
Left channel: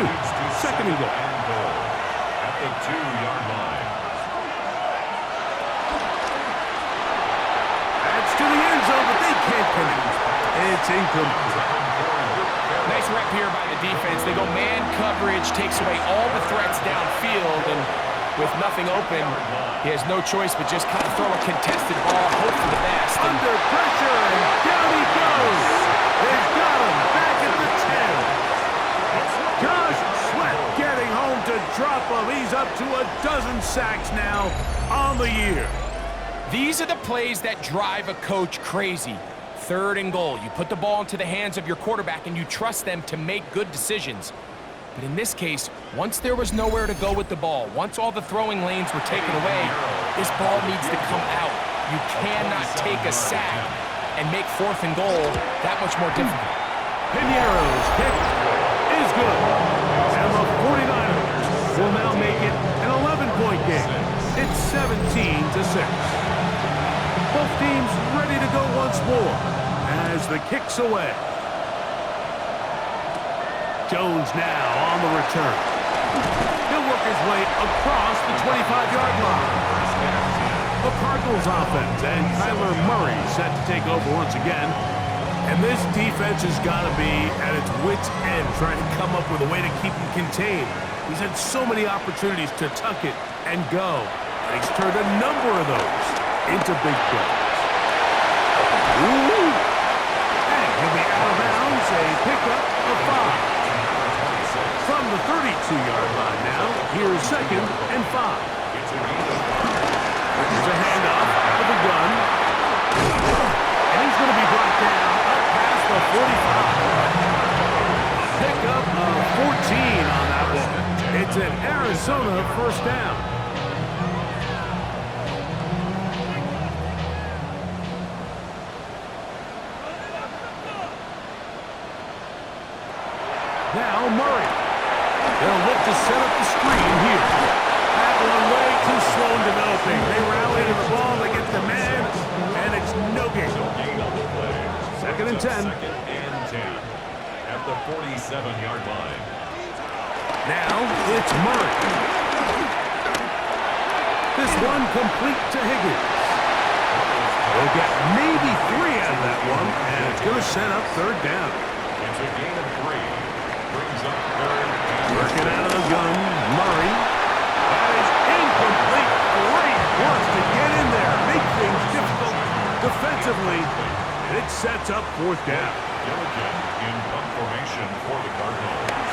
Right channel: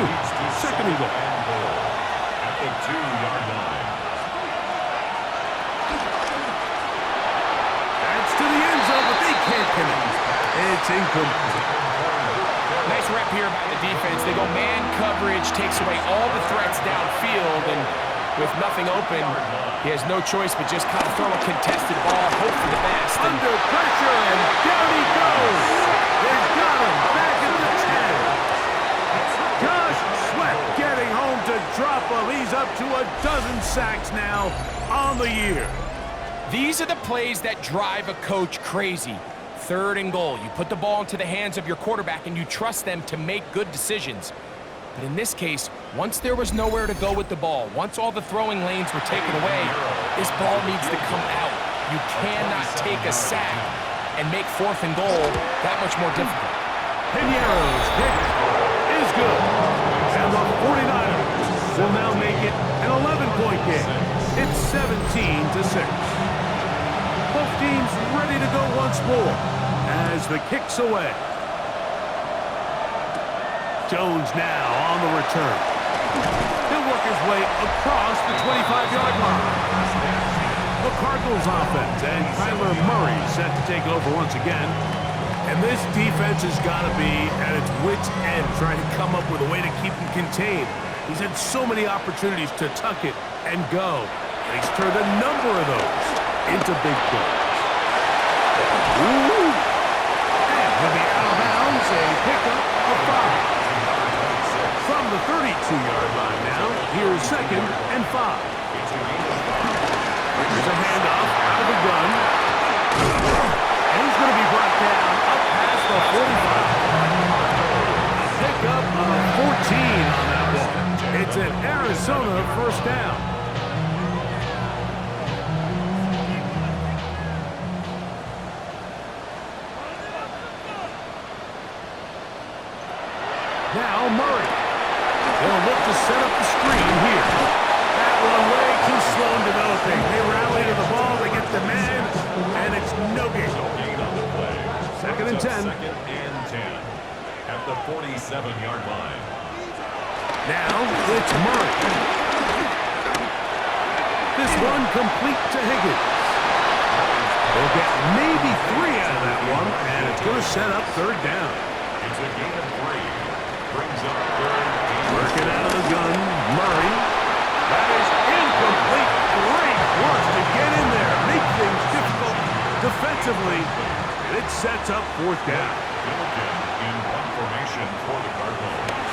Second and goal. At the 2-yard line. That's to the end zone, but they can't connect. It's incomplete. Nice rep here by the defense. They go man coverage, takes away all the threats downfield, and with nothing open, he has no choice but just kind of throw a contested ball, hope for the best. Under pressure, and down he goes. They've got him back at the 10. Josh Sweat getting home to drop him. He's up to a dozen sacks now on the year. These are the plays that drive a coach crazy. Third and goal. You put the ball into the hands of your quarterback and you trust them to make good decisions. But in this case, once there was nowhere to go with the ball, once all the throwing lanes were taken away, this ball needs to come out. You cannot take a sack and make fourth and goal that much more difficult. Piñeiro's kick is good. And the 49ers will now make it an 11-point game. It's 17-6. Both teams ready to go once more as the kick's away. Jones now on the return. He'll work his way across the 25-yard line. The Cardinals offense and Kyler Murray set to take over once again. And this defense has got to be at its wits' end trying to come up with a way to keep him contained. He's had so many opportunities to tuck it and go, and he's turned a number of those into big plays. Ooh! And he'll be out of bounds, a pickup of 5. From the 32-yard line now, here's second and 5. Here's a handoff out of the gun. And he's going to be brought down up past the 45. A pickup of 14 on that one. It's an Arizona first down. Now Murray. They'll look to set up the screen here. That one way too slow in developing. They rally to the ball, they get the man, and it's no gain. No gain on the play. Second and 10. Second and 10 at the 47-yard line. Now it's Murray. This one complete to Higgins. They'll get maybe 3 out of that one, and it's going to set up third down. It's a gain of 3. Brings up third. Working out of the gun, Murray. That is incomplete. Great work to get in there. Make things difficult defensively. And it sets up fourth down. Gilligan in punt formation for the Cardinals.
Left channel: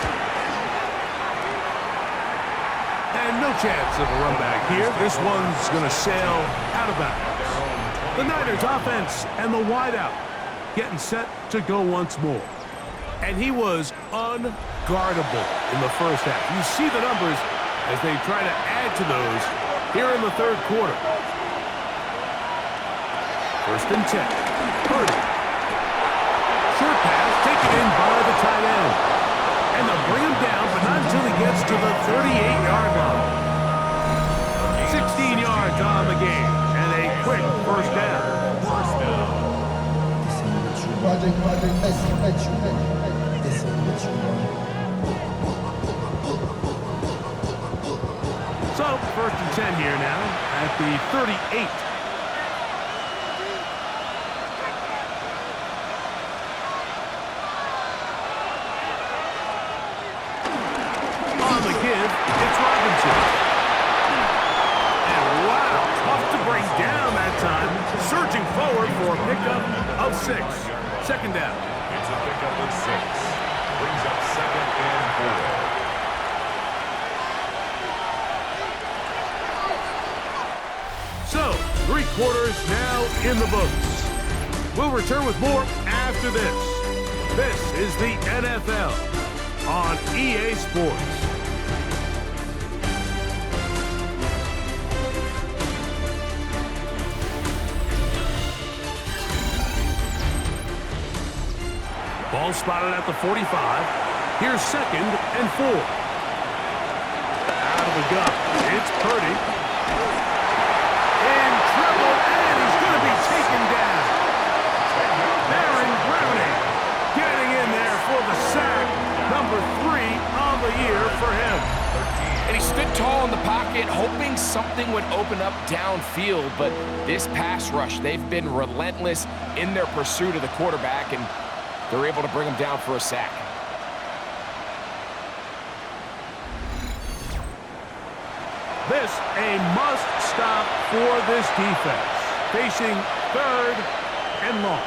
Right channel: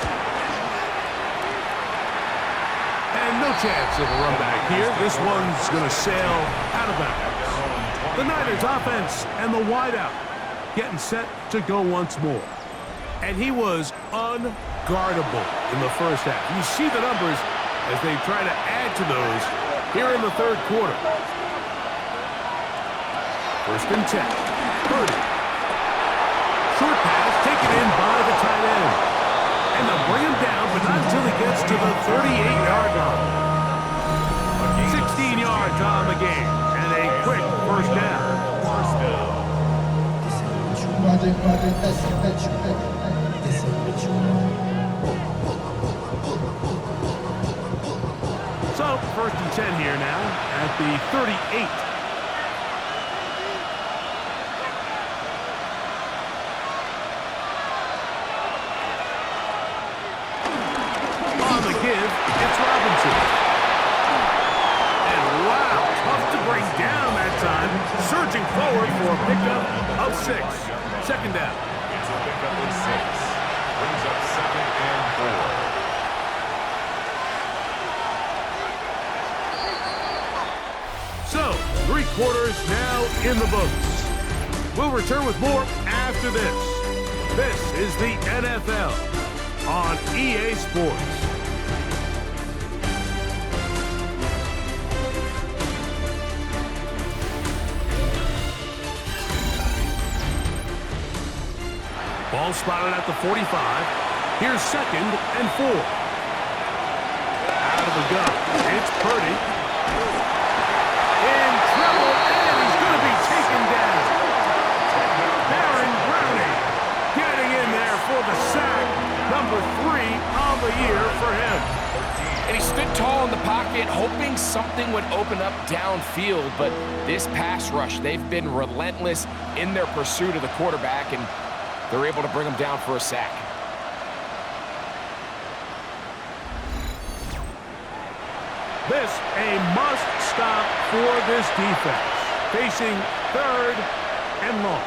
And no chance of a run back here. This one's going to sail out of bounds. The Niners offense and the wideout getting set to go once more. And he was unguardable in the first half. You see the numbers as they try to add to those here in the third quarter. First and 10. Purdy. Short pass taken in by the tight end. And they'll bring him down, but not until he gets to the 38-yard line. 16 yards on the game, and a quick first down. So, first and 10 here now at the 38. On the give, it's Robinson. And wow, tough to bring down that time. Surging forward for a pickup of 6. Second down. It's a pickup of 6. Brings up second and 4. 3 quarters now in the books. We'll return with more after this. This is the NFL on EA Sports. Ball spotted at the 45. Here's 2nd and 4. Out of the gun. It's Purdy. In trouble, and he's going to be taken down. Baron Browning getting in there for the sack. Number 3 on the year for him. And he stood tall in the pocket, hoping something would open up downfield. But this pass rush, they've been relentless in their pursuit of the quarterback, and they're able to bring him down for a sack. This a must stop for this defense. Facing 3rd and long.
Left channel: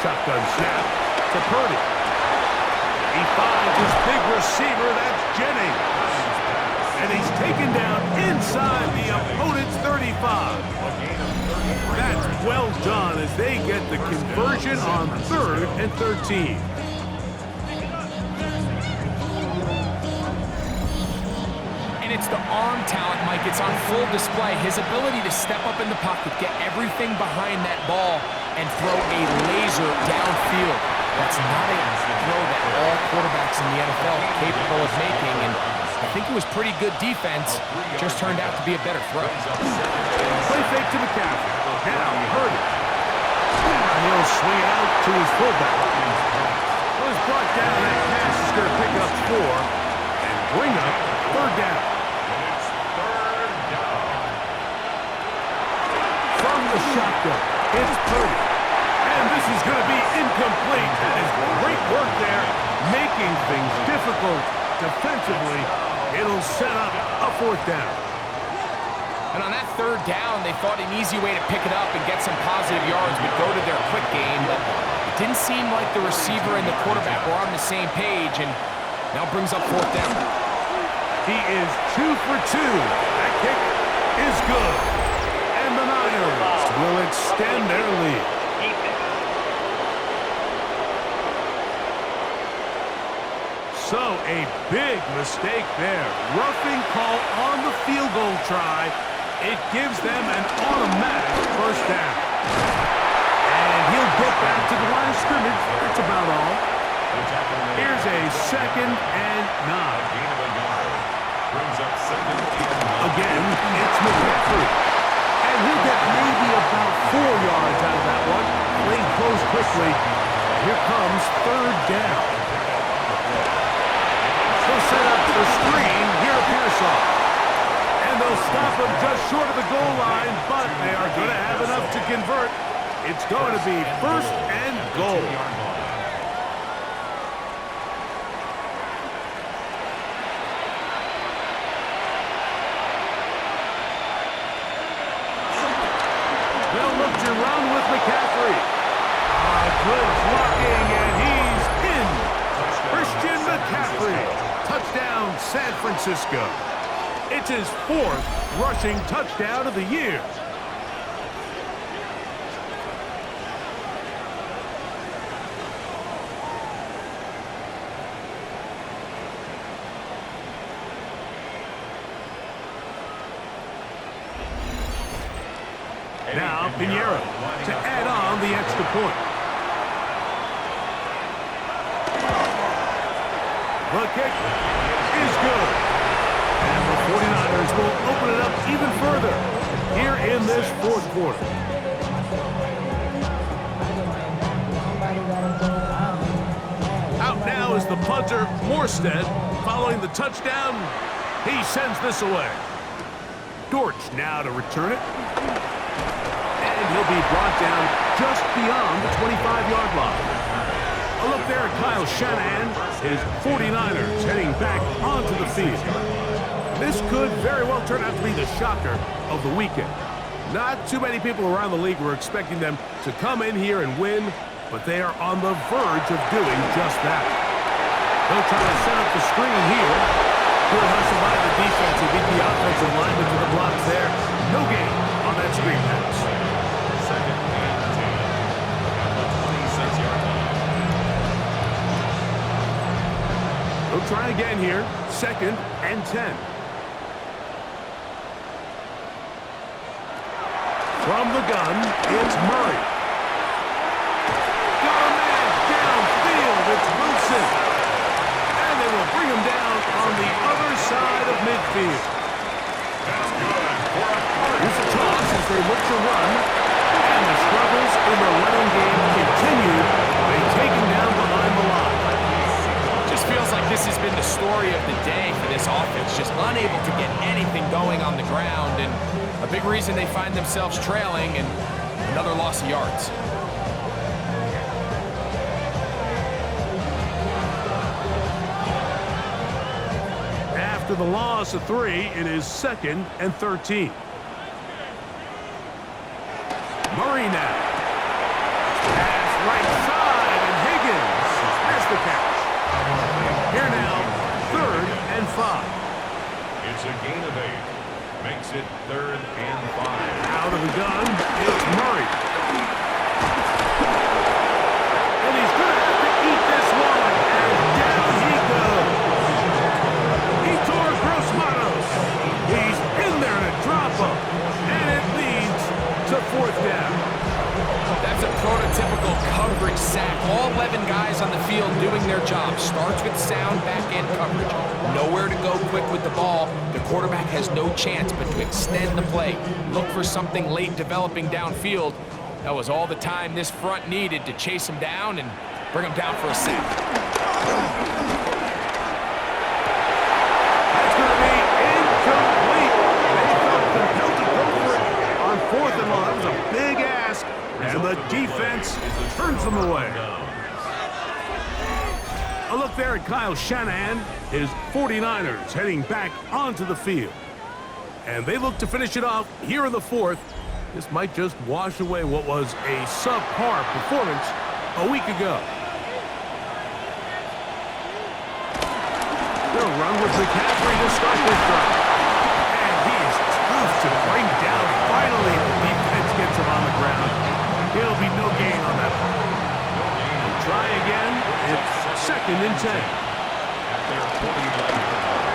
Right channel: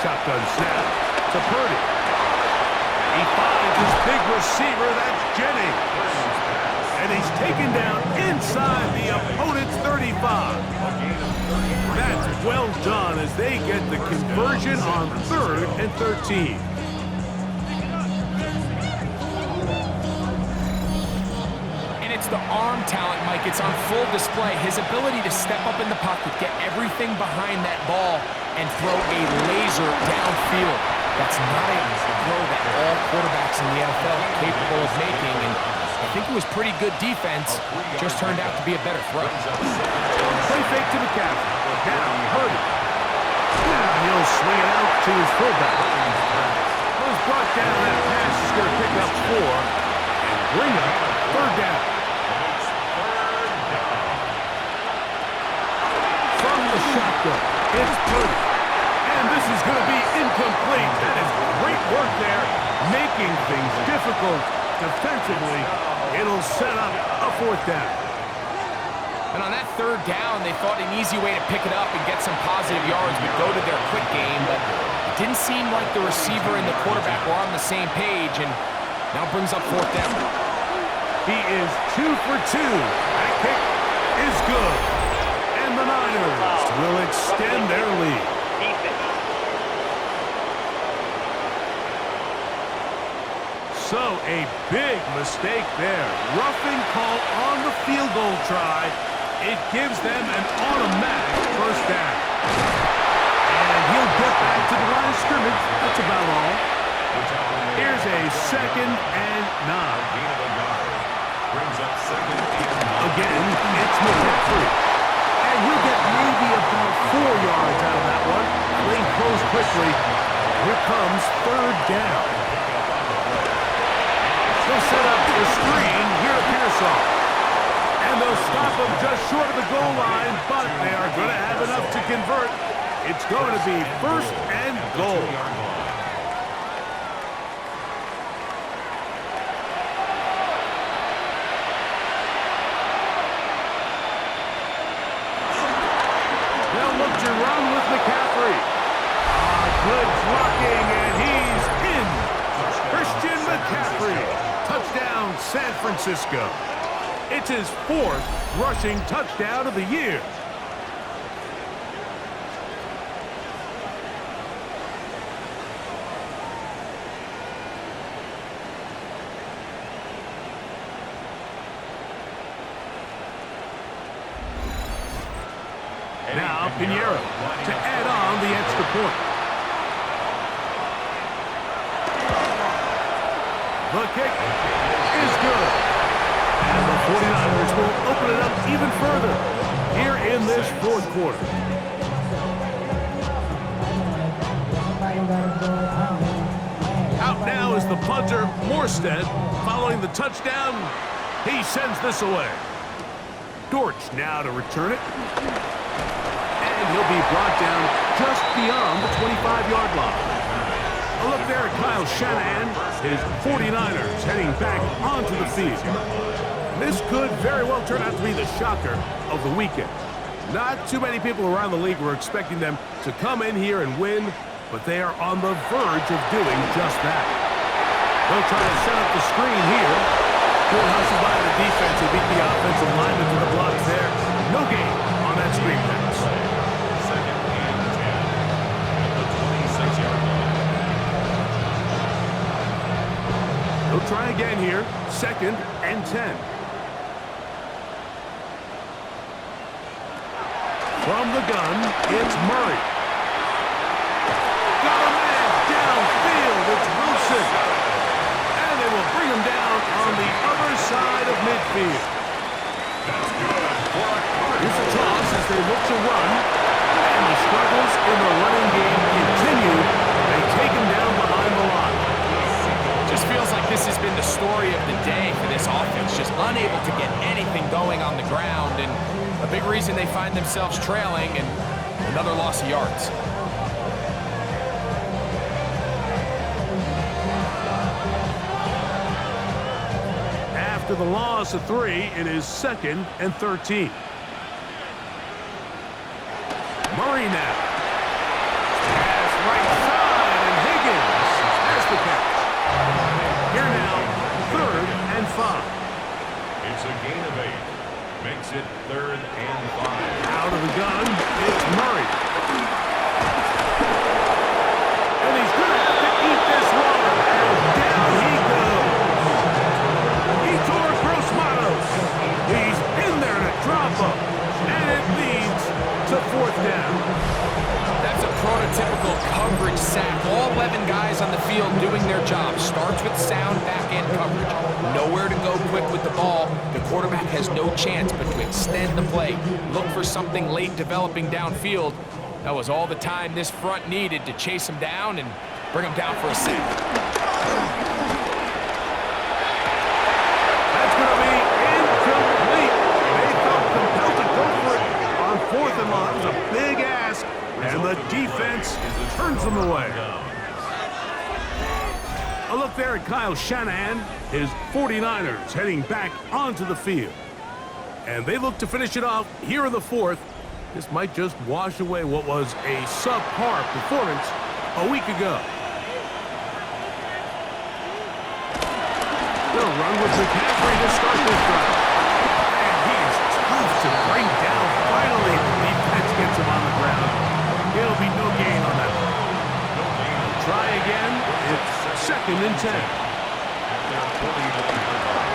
Shotgun snap to Purdy. He finds his big receiver, that's Jennings. And he's taken down inside the opponent's 35. That's well done as they get the conversion on 3rd and 13. And it's the arm talent, Mike. It's on full display. His ability to step up in the pocket, get everything behind that ball, and throw a laser downfield. That's not a throw that all quarterbacks in the NFL are capable of making, and I think it was pretty good defense. Just turned out to be a better throw. Play fake to McCaffrey. Now Purdy. Now he'll swing it out to his fullback. Well, he's brought down. That pass is going to pick up 4 and bring up 3rd down. It's 3rd down. From the shotgun, it's Purdy. And this is going to be incomplete. That is great work there, making things difficult defensively. It'll set up a 4th down. And on that 3rd down, they thought an easy way to pick it up and get some positive yards would go to their quick game, but it didn't seem like the receiver and the quarterback were on the same page, and now brings up 4th down. He is 2 for 2. That kick is good. And the Niners will extend their lead. So a big mistake there. Roughing call on the field goal try. It gives them an automatic 1st down. And he'll get back to the line of scrimmage. That's about all. Here's a 2nd and 9. Gain of a yard. Brings up 2nd and 9. Again, it's McCaffrey. And he'll get maybe about 4 yards out of that one. Lane closed quickly. Here comes 3rd down. They'll set up the screen here at Pearsall. And they'll stop him just short of the goal line, but they are going to have enough to convert. It's going to be 1st and goal. They'll look to run with McCaffrey. Good blocking, and he's in. Christian McCaffrey. Touchdown, San Francisco. It's his 4th rushing touchdown of the year. Now Pinheiro to add on the extra point. The kick is good. And the 49ers will open it up even further here in this 4th quarter. Out now is the punter, Morstead. Following the touchdown, he sends this away. Dortch now to return it. And he'll be brought down just beyond the 25-yard line. A look there at Kyle Shanahan, his 49ers heading back onto the field. This could very well turn out to be the shocker of the weekend. Not too many people around the league were expecting them to come in here and win, but they are on the verge of doing just that. They'll try to set up the screen here. Good hustle by the defense. He beat the offensive lineman to the blocks there. no gain on that screen pass. Second and 10 at the 26-yard line. They'll try again here. Second and 10. From the gun, it's Murray. Got a man downfield. It's Wilson. And they will bring him down on the other side of midfield. That's good for a Cardinals. Here's a toss as they look to run. And the struggles in the running game continue. They take him down behind the line. Just feels like this has been the story of the day for this offense. Just unable to get anything going on the ground. And a big reason they find themselves trailing and another loss of yards. After the loss of 3, it is second and 13. Murray now. Pass right side, and Higgins has the catch. Here now, third and 5. It's a gain of 8. Makes it third and 5. Out of the gun, it's Murray. And he's going to have to eat this one, and down he goes. Gross-Matos. He's in there to drop him, and it leads to fourth down. That's a prototypical coverage sack. All 11 guys on the field doing their job. Starts with sound back-end coverage. Nowhere to go quick with the ball. The quarterback has no chance but to extend the play. Look for something late developing downfield. That was all the time this front needed to chase him down and bring him down for a sack. Going to be incomplete. They felt compelled to go for it on fourth and long. That was a big ask, and the defense turns them away. A look there at Kyle Shanahan. His 49ers heading back onto the field. And they look to finish it off here in the fourth. This might just wash away what was a subpar performance a week ago. They'll run with McCaffrey to start this drive. And he is tough to bring down. Finally, the defense gets him on the ground. It'll be no gain on that one. No gain. They'll try again. It's second and 10. At their 49-yard line.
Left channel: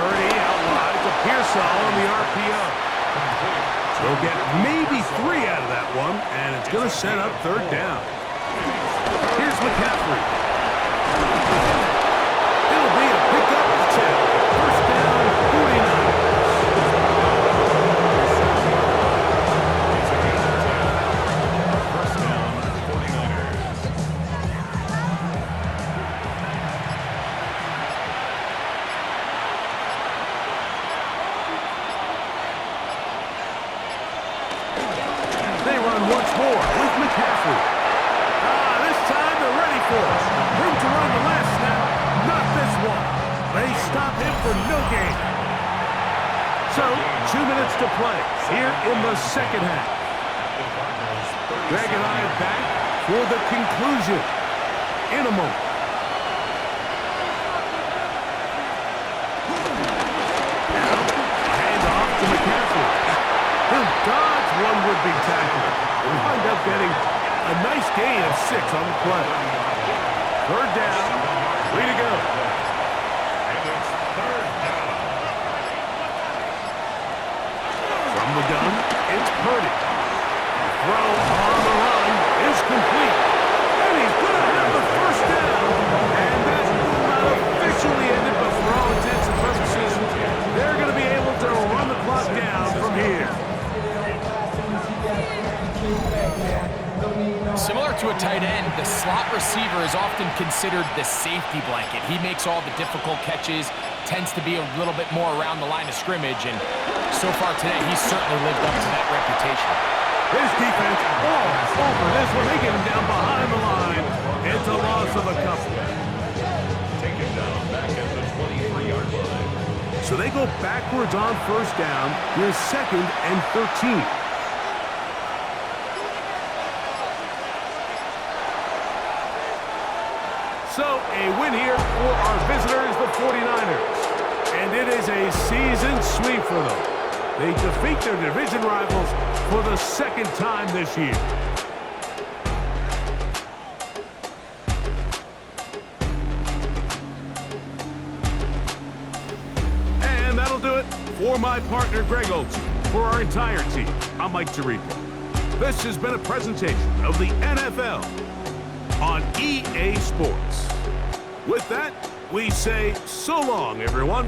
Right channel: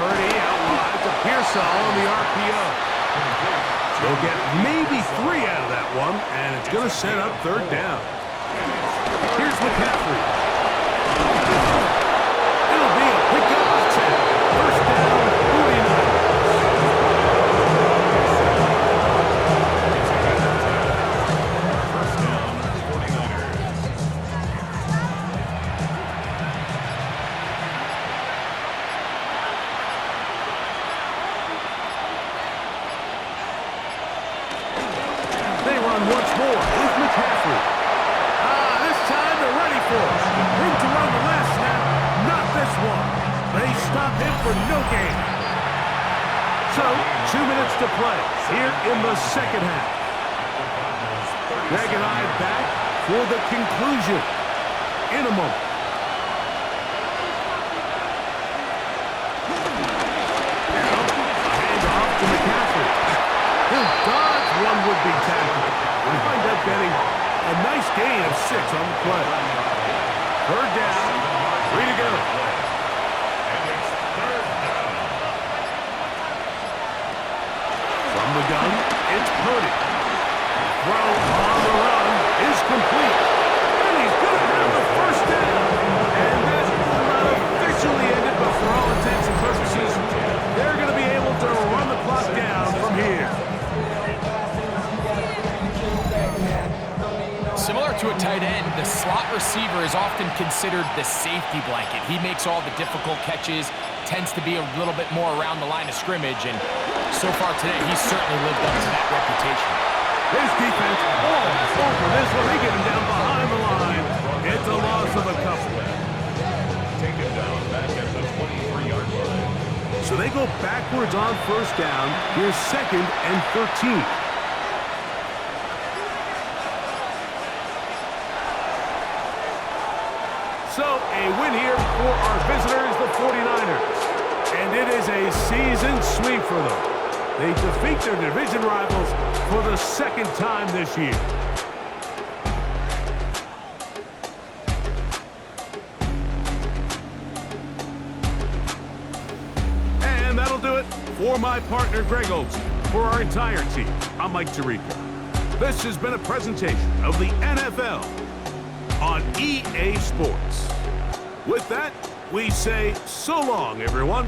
Purdy out wide to Pearsall on the RPO. They'll get maybe 3 out of that one, and it's going to set up third down. Here's McCaffrey. It'll be a pickup of 10. First down, 49ers. It's a gain of 10. First down, 49ers. They run once more with McCaffrey. This time they're ready for it. Room to run the last snap. Not this one. They stop him for no gain. So, 2 minutes to play here in the second half. Greg and I back for the conclusion in a moment. Now, a handoff to McCaffrey. He'll dodge one would-be tackler. We wind up getting a nice gain of 6 on the play. Third down, 3 to go. And it's third down. From the gun, it's Purdy. Throw on the run is complete. And he's going to have the first down. And that will not officially end it, but for all intents and purposes, they're going to be able to run the clock down from here. Similar to a tight end, the slot receiver is often considered the safety blanket. He makes all the difficult catches, tends to be a little bit more around the line of scrimmage, and so far today, he's certainly lived up to that reputation. His defense all over this one. They get him down behind the line. It's a loss of a couple. Take him down back at the 23-yard line. So they go backwards on first down. Here's second and 13. So a win here for our visitors, the 49ers. And it is a season sweep for them. They defeat their division rivals for the second time this year. And that'll do it for my partner, Greg Olson. For our entire team, I'm Mike Tirico. This has been a presentation of the NFL on EA Sports. With that, we say so long, everyone.